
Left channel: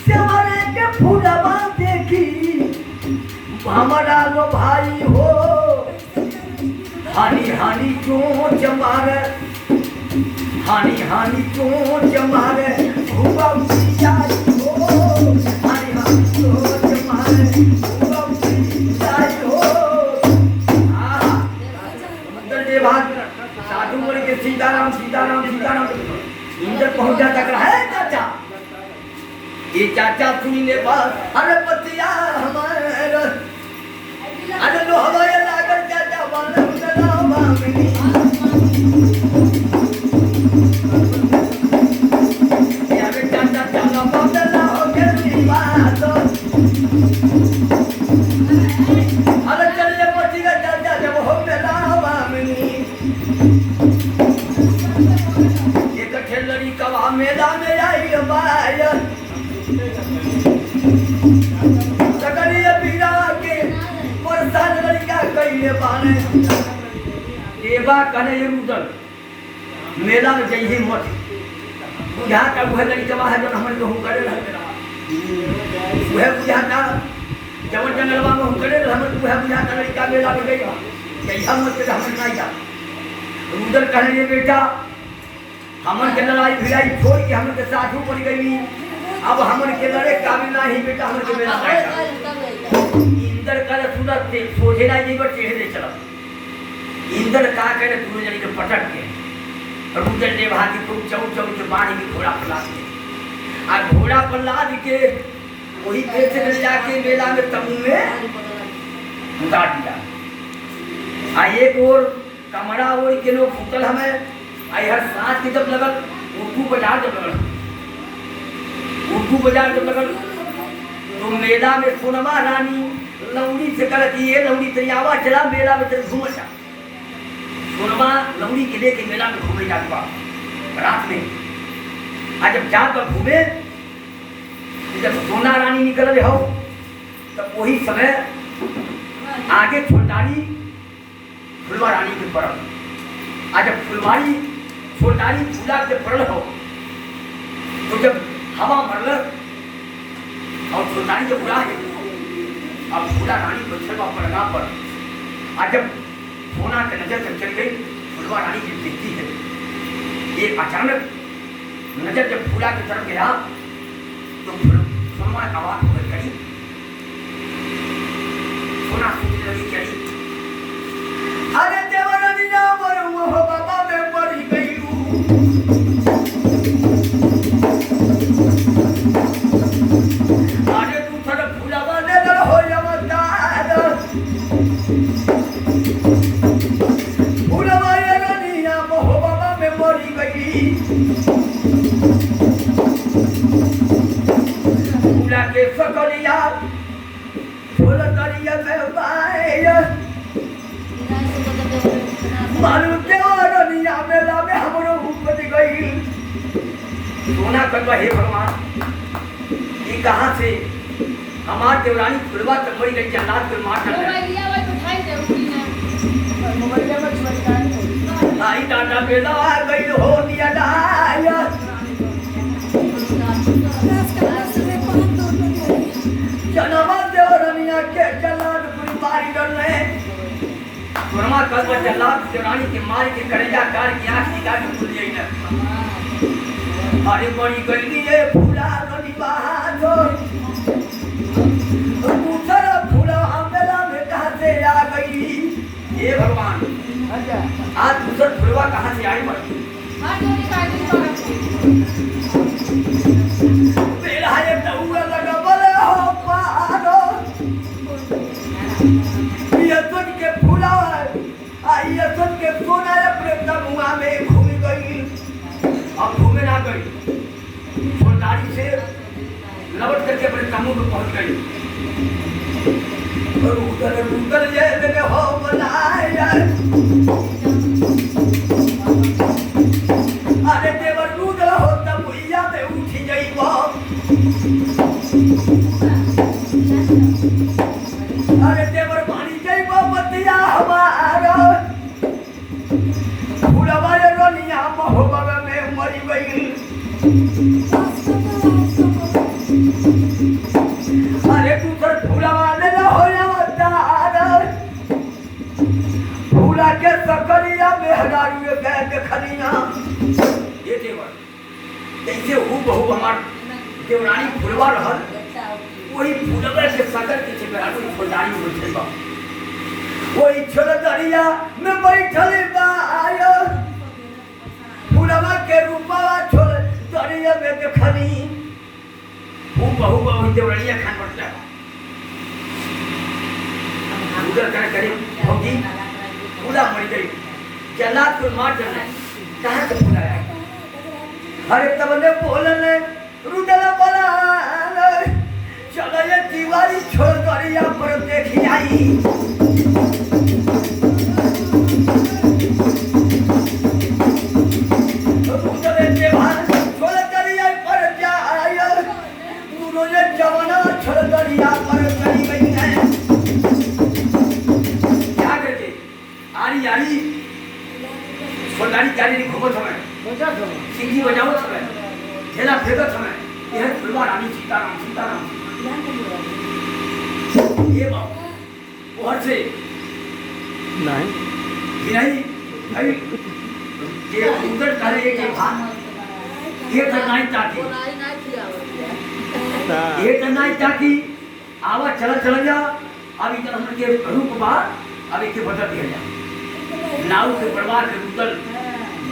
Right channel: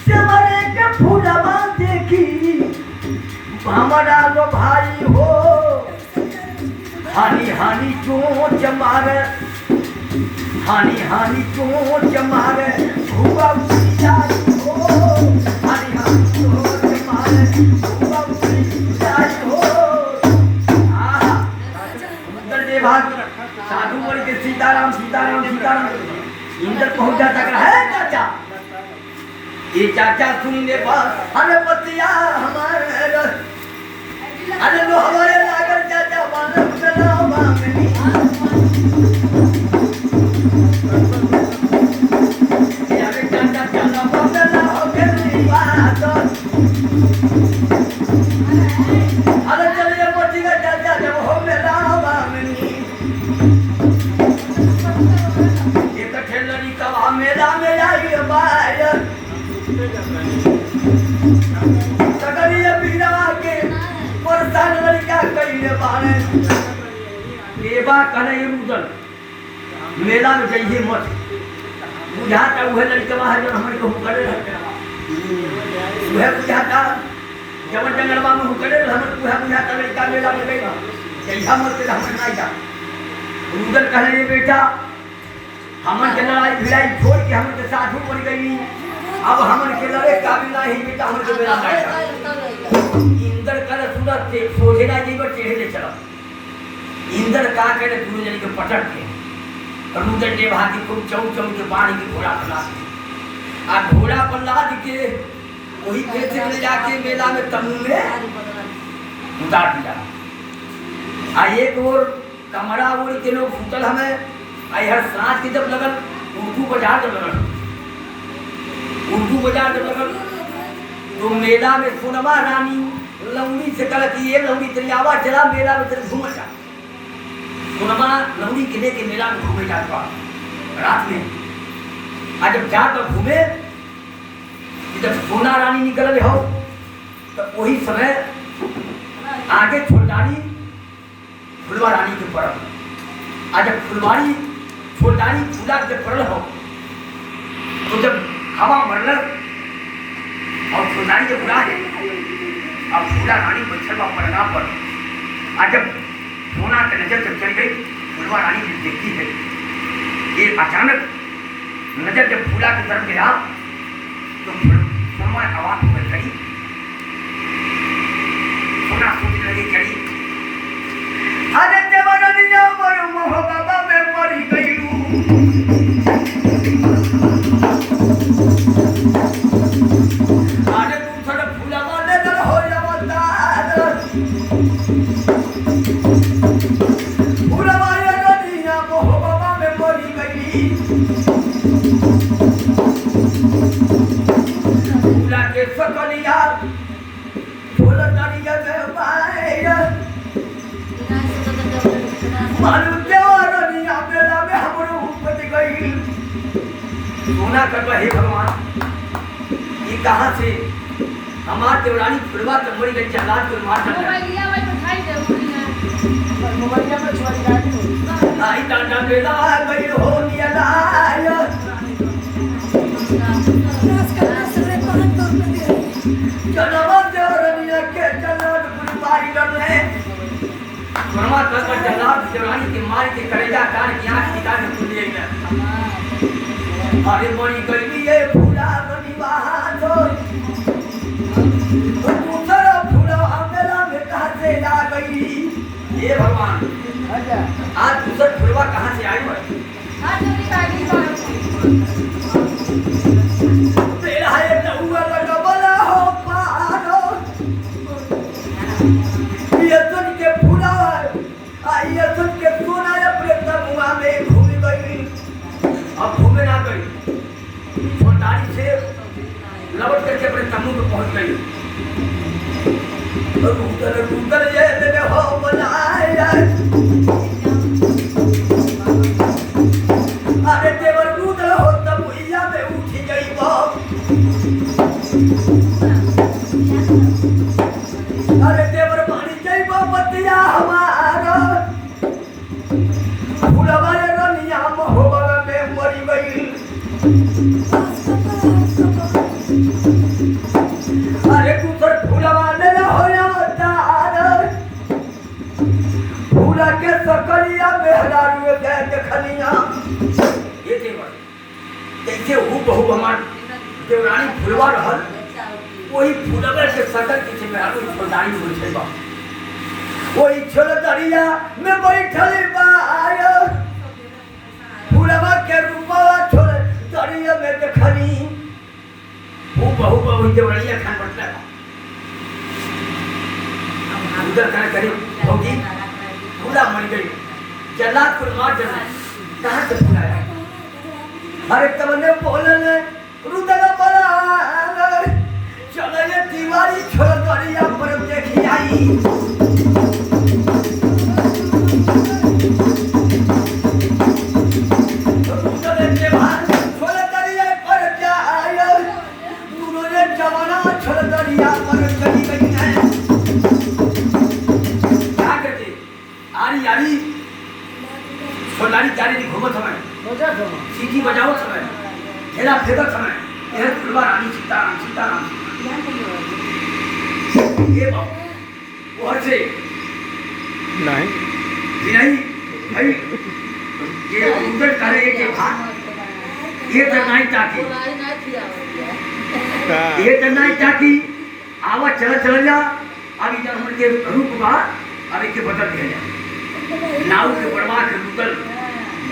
जेबरे के फूलवा देखी भावना लो भाई हो हानि हानि चोंच मारे हानि हानि चोंच मारे भूबा जाई हो हानि हानि चोंच मारे भूबा जाई हो आहा अंदर देवाग साधु बोल के सीताराम सीताराम सीताराम इंद्र पहुंच जाता कर है चाचा ये चाचा सुनने पास अरे पतिया हमारे अरे लो हमारे लागर चाचा बालम चलाओ मामनी अरे चलिए मोची का चाचा जब हो मेला बामनी एक ठेलरी कवा मेला में आई बाय सगरिया पीरा के परसान लड़का कइले बाने देवा कने रुदल मेला में जइहे मत बुझाता वह लड़का है जो हमन को करे रहते वह बुझाता जवन जंगलवा में करे हमन वह बुझाता लड़का मेला में गई जइहा मत के हमन नहीं जा रुदल कहले बेटा हमन के लड़ाई भिड़ाई छोड़ के हमन के साधु बन गई अब हमन के लड़े काबिल नहीं बेटा हमन के मेला नहीं इंद्र कर सूरत से सोझे ना जीव टेढ़े ले चला इंद्र का करे पूरे जन के पटक के रुदल ने भागी को चौ चौ के बाणी की घोड़ा पर लाद के आ घोड़ा पर लाद के वही पेट से ले जाके मेला में तमू में उतार दिया। आ एक और कमरा ओढ़ के लोग सुतल हमें आई हर सांस के जब लगल उर्दू बाजार जब लगल तो मेला में सोनमा रानी लौड़ी से कल की ये लौड़ी तरियावा चला मेला में तेरे घूम जा। सोनमा लौड़ी के लेके मेला में घूमे जाता रात में। आज जब जाकर घूमे जब सोना रानी निकल हो तब वही समय आगे फुलदारी फुलवा रानी के पड़ल। आज जब फुलवारी फुलदारी फूला के पड़ल हो तो जब हवा मरल और फुलदारी जब उड़ा है अब फूला रानी बछड़वा पड़ना पर। आज जब सोना के नजर जब चल गई फुलवा रानी जब देखती है ये अचानक नजर जब फूला की तरफ गया तो सोना आवाज हो गई कड़ी सोना सोचने लगी कड़ी अरे देवरनिया मरु मोह बाबा में मरी गईलू। अरे तू थोड़ा फूला वाले दर हो अवतार फूला वाले रनिया मोह बाबा में मरी गई। फूला के सकलिया फूला करिया में पाए मालूम देवरनिया मेला में हमरो उपज गई। सोना करवा हे भगवान ये कहाँ से हमार देवरानी फुलवा के मरी गई जलाद के मार कर आई डांडा मेला गई हो दिया लाया जनवा देवरनिया के जलाद पूरी मारी कर ले। सोनमा करवा जलाद देवरानी के मार के करेजा कार की आंख निकाल के खुल गई ना। अरे मरी गई ये फूला बनी बहादुर दूसरा फूला मेला में कहाँ से आ गई। ये भगवान आज दूसरा फूलवा कहाँ से आई बड़ी मेरा ये टहुआ लगा बोला हो पारो ये सुन के फूला ये सुन के सोना अपने तमुआ में घूम गई। अब घूमे ना गई फुलदारी से लपट करके अपने तम्बू में पहुंच गई। रुदल ये मेरे हो बनाया अरे देवर रुदल हो तब भैया में उठी गई वो। अरे देवर पानी गई वो बतिया हमारा फूलवा रनिया महोबा में मरी गई। अरे दूसर फूलवा ले हो अवतार फूला के सकलिया में हजारू देखलिया। ये देवर जैसे हूँ बहु हमार देवरानी फुलवा रहल वही फूलवा के सकल के मेहरारू फुलदारी बैठल बा वही छोलदरिया में बैठल बा फूलवा के रूपा छोलदरिया में देखनी हूँ बहु बहु देवरानिया खान पड़ता है उधर कर करे होगी फूला मर गई जलाद को मार देना कहाँ से फूला है। अरे तब ने बोलने रुदल बड़ा चलो ये दीवारी छोलदरिया पर देखी आई। छोलदरिया पर चली गई है क्या करके आरी आरी छोलदारी क्या नहीं घूमत समय सीटी बजावत समय ठेला फेंकत समय यह फुलवा रानी सीताराम सीताराम ये बात और से नहीं भाई ये उधर करे ये के भाग ये तो नहीं ताकि ये तो नहीं ताकि आवा चल जा अभी जब हम के रूप बार अभी के बदल दिया जा नाव के बर्बाद के उतल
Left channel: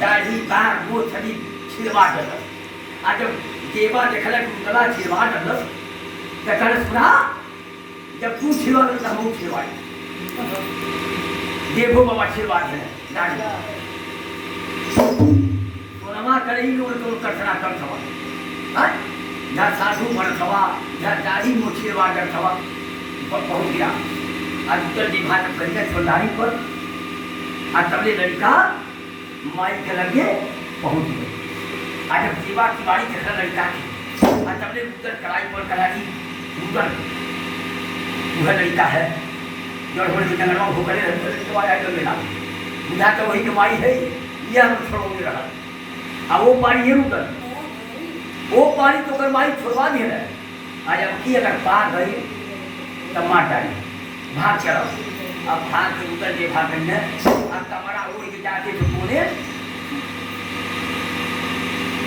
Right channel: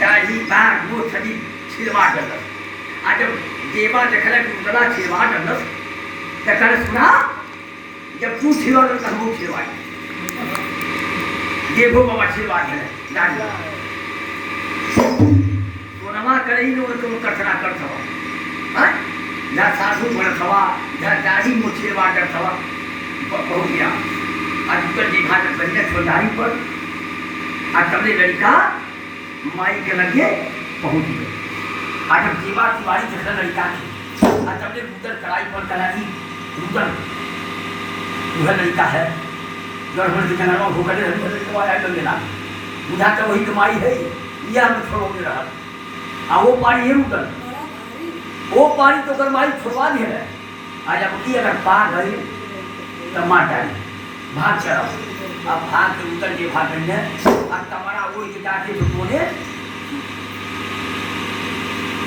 दाढ़ी बाग वो छड़ी छिलवा कर आज जब देवा देखला कि उतला छिलवा कर कहकर सुना जब तू छिलवा तो हम छिलवाई देवो बाबा छिलवा है सोनमा करे लोग को कठना कर थवा जहाँ सासू बड़ थवा जहाँ दाढ़ी मुछले वाटर थवा पहुँच गया आज उत्तर जी भाषा कहीं छोदारी पर आज तबले लड़का माई के लगे पहुँच गए आज अब जीवा तिवारी देखा लड़का की आज तबले उधर कड़ाई पर कला की उधर वह लड़का है जो हमारे जंगल में भूखले बुझा तो वही कमाई है यह हम छोड़ोगे रहा वो पारी ये उधर वो पानी तो कर माई छुड़वा दी है आज अब की अगर पा गई तब मार डाली भाग चढ़ाओ अब भाग के उतर के भाग गई है अब कमरा वो जाके कोने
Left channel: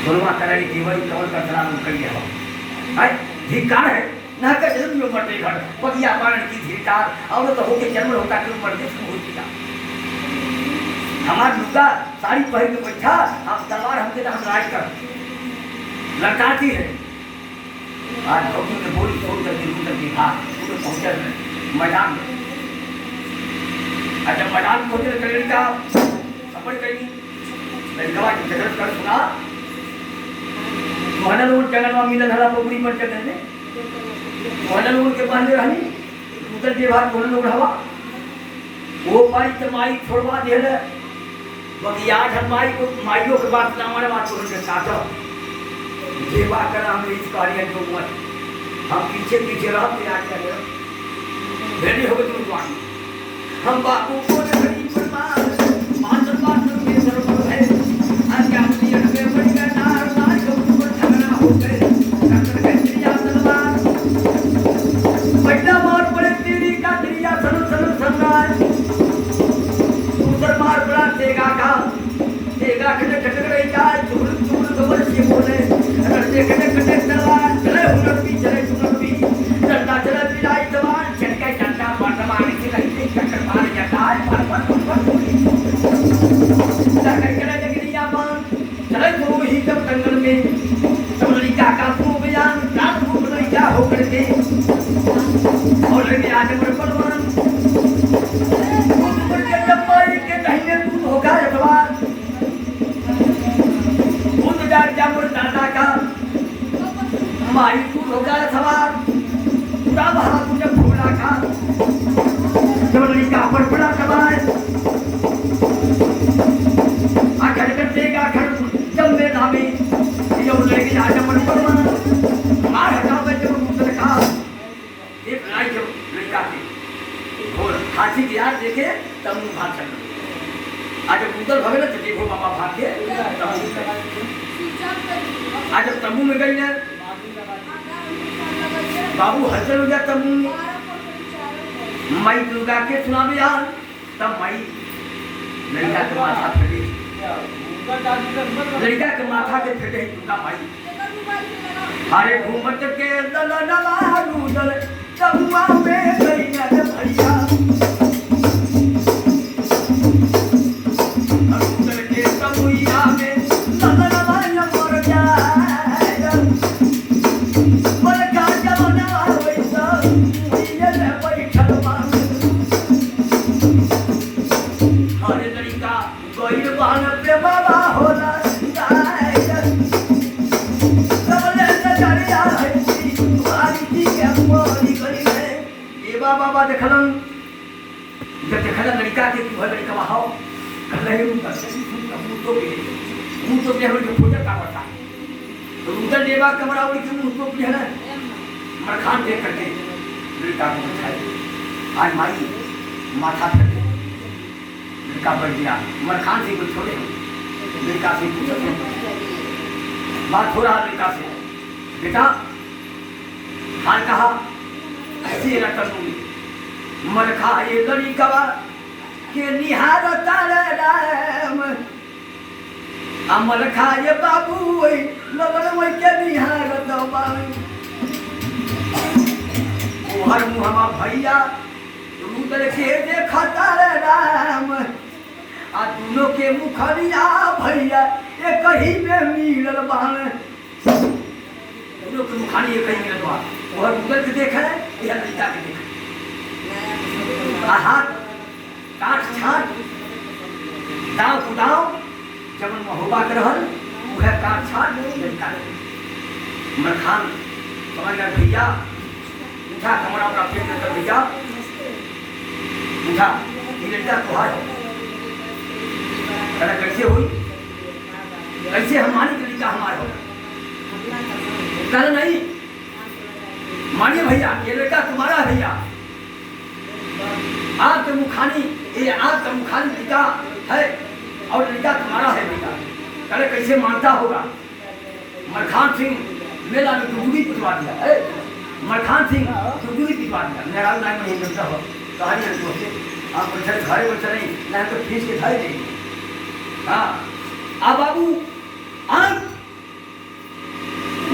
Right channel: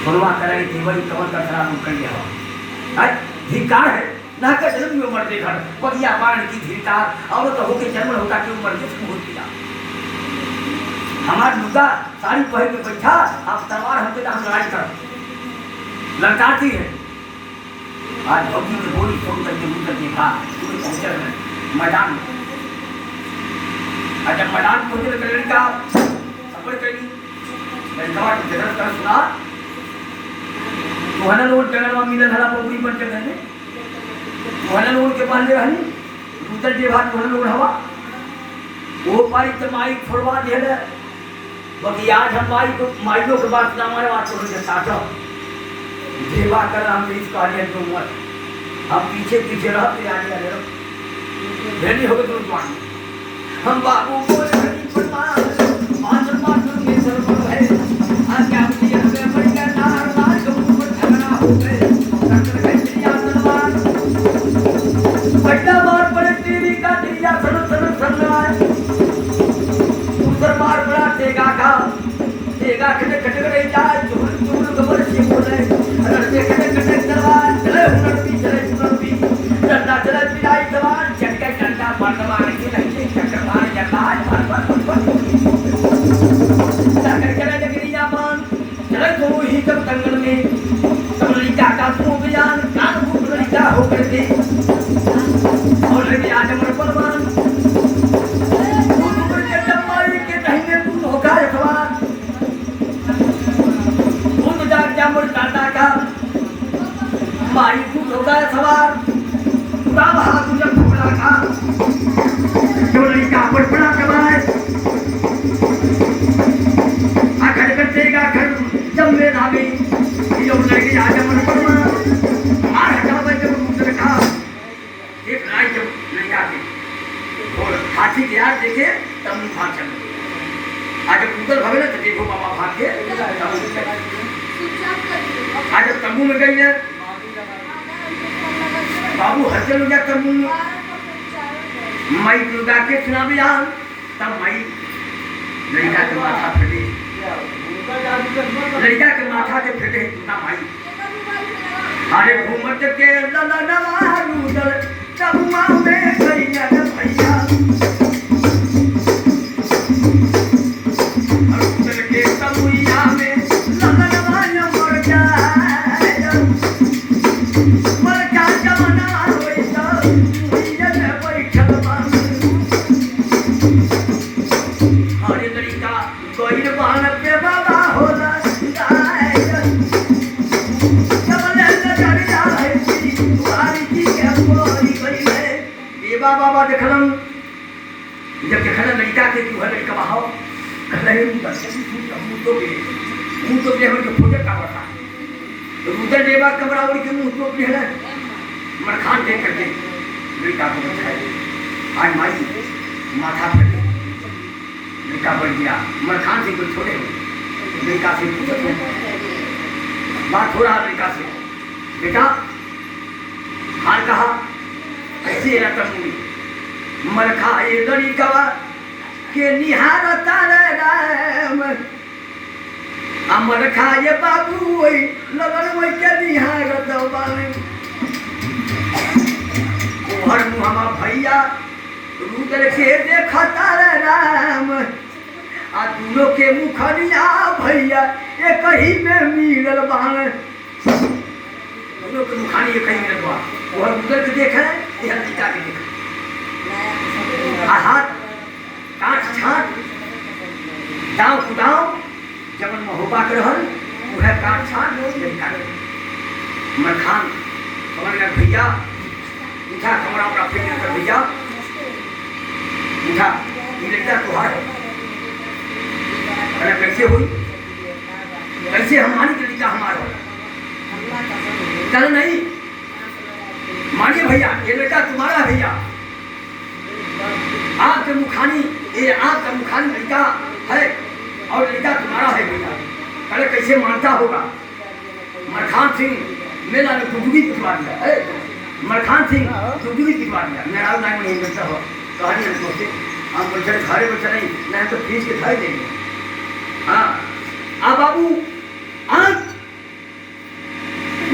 सुनवा करे केवल कमर का खराब कर दिया धिक्कार है ना का जन्म में उम्र पे घर पतिया मारण की धिक्कार और तो होके जन्म होता कि उम्र जिसको हो दिया हमारा लुगा साड़ी पहन के बैठा आप तलवार हमसे हम लड़ाई कर लड़काती है आज भौजी के गोली छोड़ करके उतर के था पहुंचे मैदान में जब मैदान में होते लड़का सफर करी लड़का की जगह कर सुना मोहन रोड जंगल में मिलल हला पोखरी पर जगह में मोहन रोड के पास रहनी उतर के बाद मोहन रोड हवा वो पाई तो माई छोड़वा दे बाकी आज हम माइयों के बात ना हमारे बात छोड़ के साथ देवा कर हम इस कार्य को मत हम पीछे पीछे रहते आगे भेड़ी हो गए तुम हम बाबू पर घड़ी पर मान के बरोबर है आज क्या मुझे हमें बड़ी का नार के ऊपर झगड़ा हो गए डॉक्टर कहते हैं तलवार बड़ा मार पड़े तेरी का दिया सन ऊपर मार पड़ा देगा का कटे कटे रही जाए चूर खबर से बोले लड़के कटे कटे तलवार चले हुनर भी डंडा चले पिलाई तलवार चक्के डंडा मार के लगे चक्कर मार जाता है चक्कर करे जगरी जामान चले तो ही सब कंगन में सब लड़का का तू बयान कान मुंह लड़का हो करके और लगे आज मर परवान ऊपर के जमाई के दाहिने तू होगा जवान मुर दादा का माई तू होगा सवार पूरा बहादुर घोड़ा का जो लड़का पर बड़ा कमाए आखिर कटेगा घर जब में धामी जो लड़की आज मन पर मार हटा बैठे मुंह रखा एक लड़ाई जब लड़का की और खाची यार देखे तब मुंह भाग चल आज उधर भवे ना तो देखो पापा भाग के आज जब तंबू में गई है बाबू हलचल हो गया तंबू में माई दुर्गा के सुना भी यार तब माई लड़का के माथा फटे लड़का के माथा के फटे दुर्गा माई अरे घूमत के ललललालूदल तबुआ में गई है भैया और के तबुआ में बाबा देखलम जब देखल लड़का के तू लड़का बहाओ नहीं मुंह तो भी हमके फोटे का होता तो उधर देवा कमरा उड़ के मुंह तो भी है मरखान देख करके लड़का को बैठाए आज माई माथा फटे लड़का बढ़ गया मरखान से कुछ छोड़े लड़का से बात हो रहा लड़का से बेटा हाल कहा ऐसे रतन मरखा ये लड़का के निहार ताराम अमर खाए बाबू वही लगन वही के निहार दबाने हर मुहमा भैया रुदर के देखा ताराम आ दोनों के मुखरिया भैया एक ही में मिलल बान दोनों के मुखानी एक ही मिलल बा वह गूगल के देख है, यह लड़का के देख हाथ काट छाट दाव कुदाव जबन महोबा के रहल वह काट छाट लड़का के मरखान समझ गया भैया उठा कमरा उमरा फेंक कर भैया उठा ये लड़का तुहार है कैसे हुई कैसे हम मानी कि लड़का हमारा हो कल नहीं मानिए भैया ये लड़का तुम्हारा है भैया आपके मुखानी ये आपका मुखानी लड़का है और लड़का तुम्हारा है भैया कल कैसे मानता होगा मरखान सिंह मेला में दुगुनी पिटवा दिया है मरखान सिंह दुगुनी पिटवा दिया मेरा नाम नहीं मिलता हो कहानी हम सोचते हम बच्चे घरे बच्चे नहीं नहीं तो फीस के खाई देंगे हाँ आ बाबू आज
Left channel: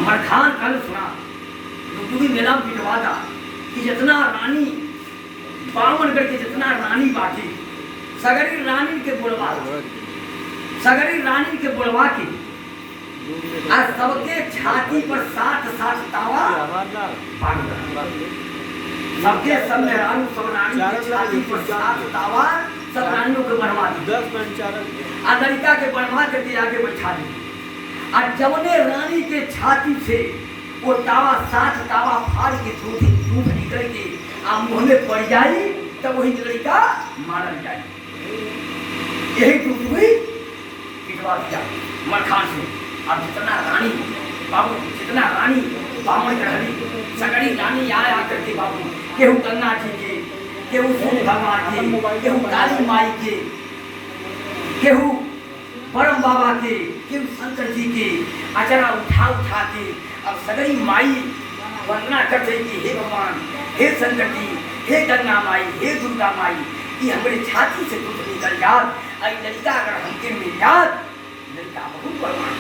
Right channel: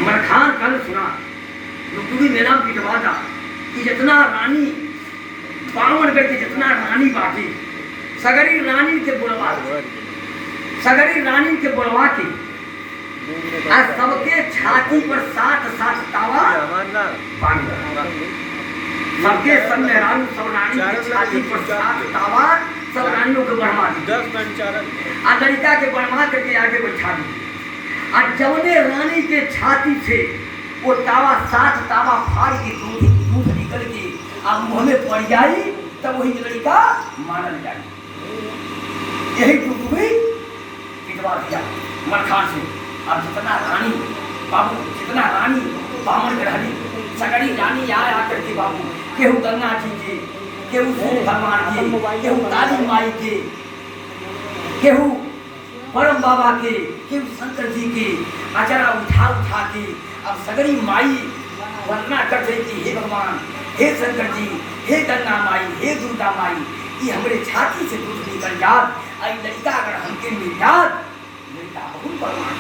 मरखान कल सुना दुगुनी मेला में पिटवा था कि जितना रानी बावनगढ़ के जितना रानी बाटी सगरी रानी के बोलवा के आज सबके छाती पर 60 तावा सबके सब मेहरारू सब रानी के छाती पर 60 तावा सब रानियों के बढ़वा दी आ लड़का के बढ़वा करके आगे बैठा दी आ जवने रानी के छाती से वो तावा 60 तावा फाड़ के दूध निकल के आ मुँह में पड़ जाई तब वही लड़का मानल जाए यही टुकड़ी पिटवा दिया मरखान से अब जितना रानी बाबू जितना रानी बामन रहली सगड़ी रानी आया आकर के बाबू केहू गंगा जी के केहू सूर्य भगवान के केहू काली माई के केहू परम बाबा के केहू शंकर जी के अचरा उठा के अब सगड़ी माई वंदना करते कि हे भगवान हे शंकर जी हे गंगा माई हे दुर्गा माई ये हमारे छाती से दूध निकल जात आई लड़का अगर हमके मिल जात लड़का बहुत परमान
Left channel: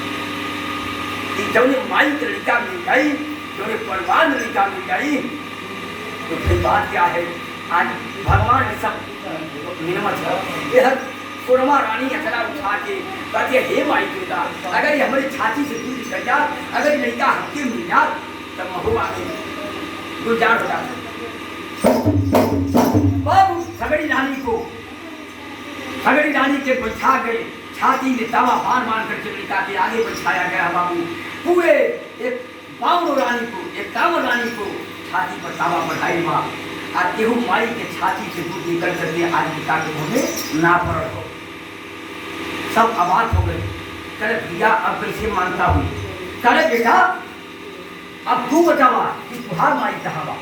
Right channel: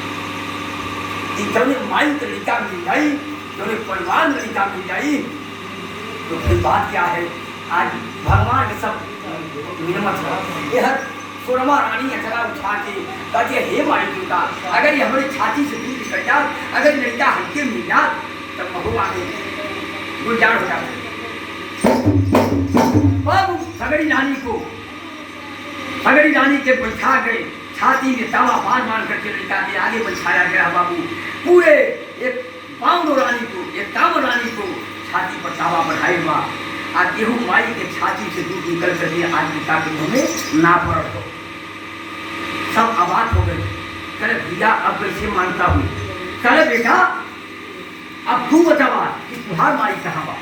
जौने माई के लड़का मिल जाई जौने परिवार में लड़का मिल जाई तो फिर बात क्या है आज भगवान ये सब निर्मत है यह सोनमा रानी अचरा उठा के कहती है हे माई दुर्गा अगर ये हमारी छाती से दूध निकल जात अगर लड़का हमके मिल जात तब महुआ गुलजार हो जाता बाबू सगड़ी रानी के बैठा गए छाती में तावा मान करके लड़का के आगे बैठाया गया बाबू पूरे एक बावन रानी को छाती पर तावा बढ़ाई माँ आज केहू माई के छाती से दूध निकल करके आज लड़का के मुँह में ना पड़ हो सब आबाद हो गए करे भैया अब कैसे मानता हूँ करे बेटा अब तू बतावा कि तुहार माई कहाँ बा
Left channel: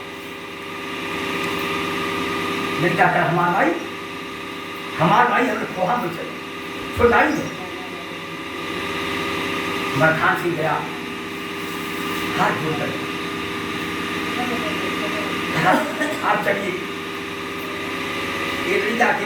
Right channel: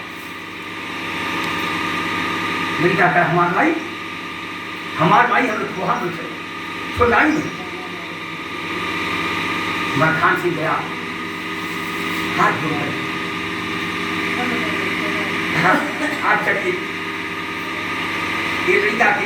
लड़का कर हमार माई हमने खोहा में चले छोड़ाई नहीं मरखान सिंह गया हाथ जोड़कर हाथ चढ़िए ये लड़का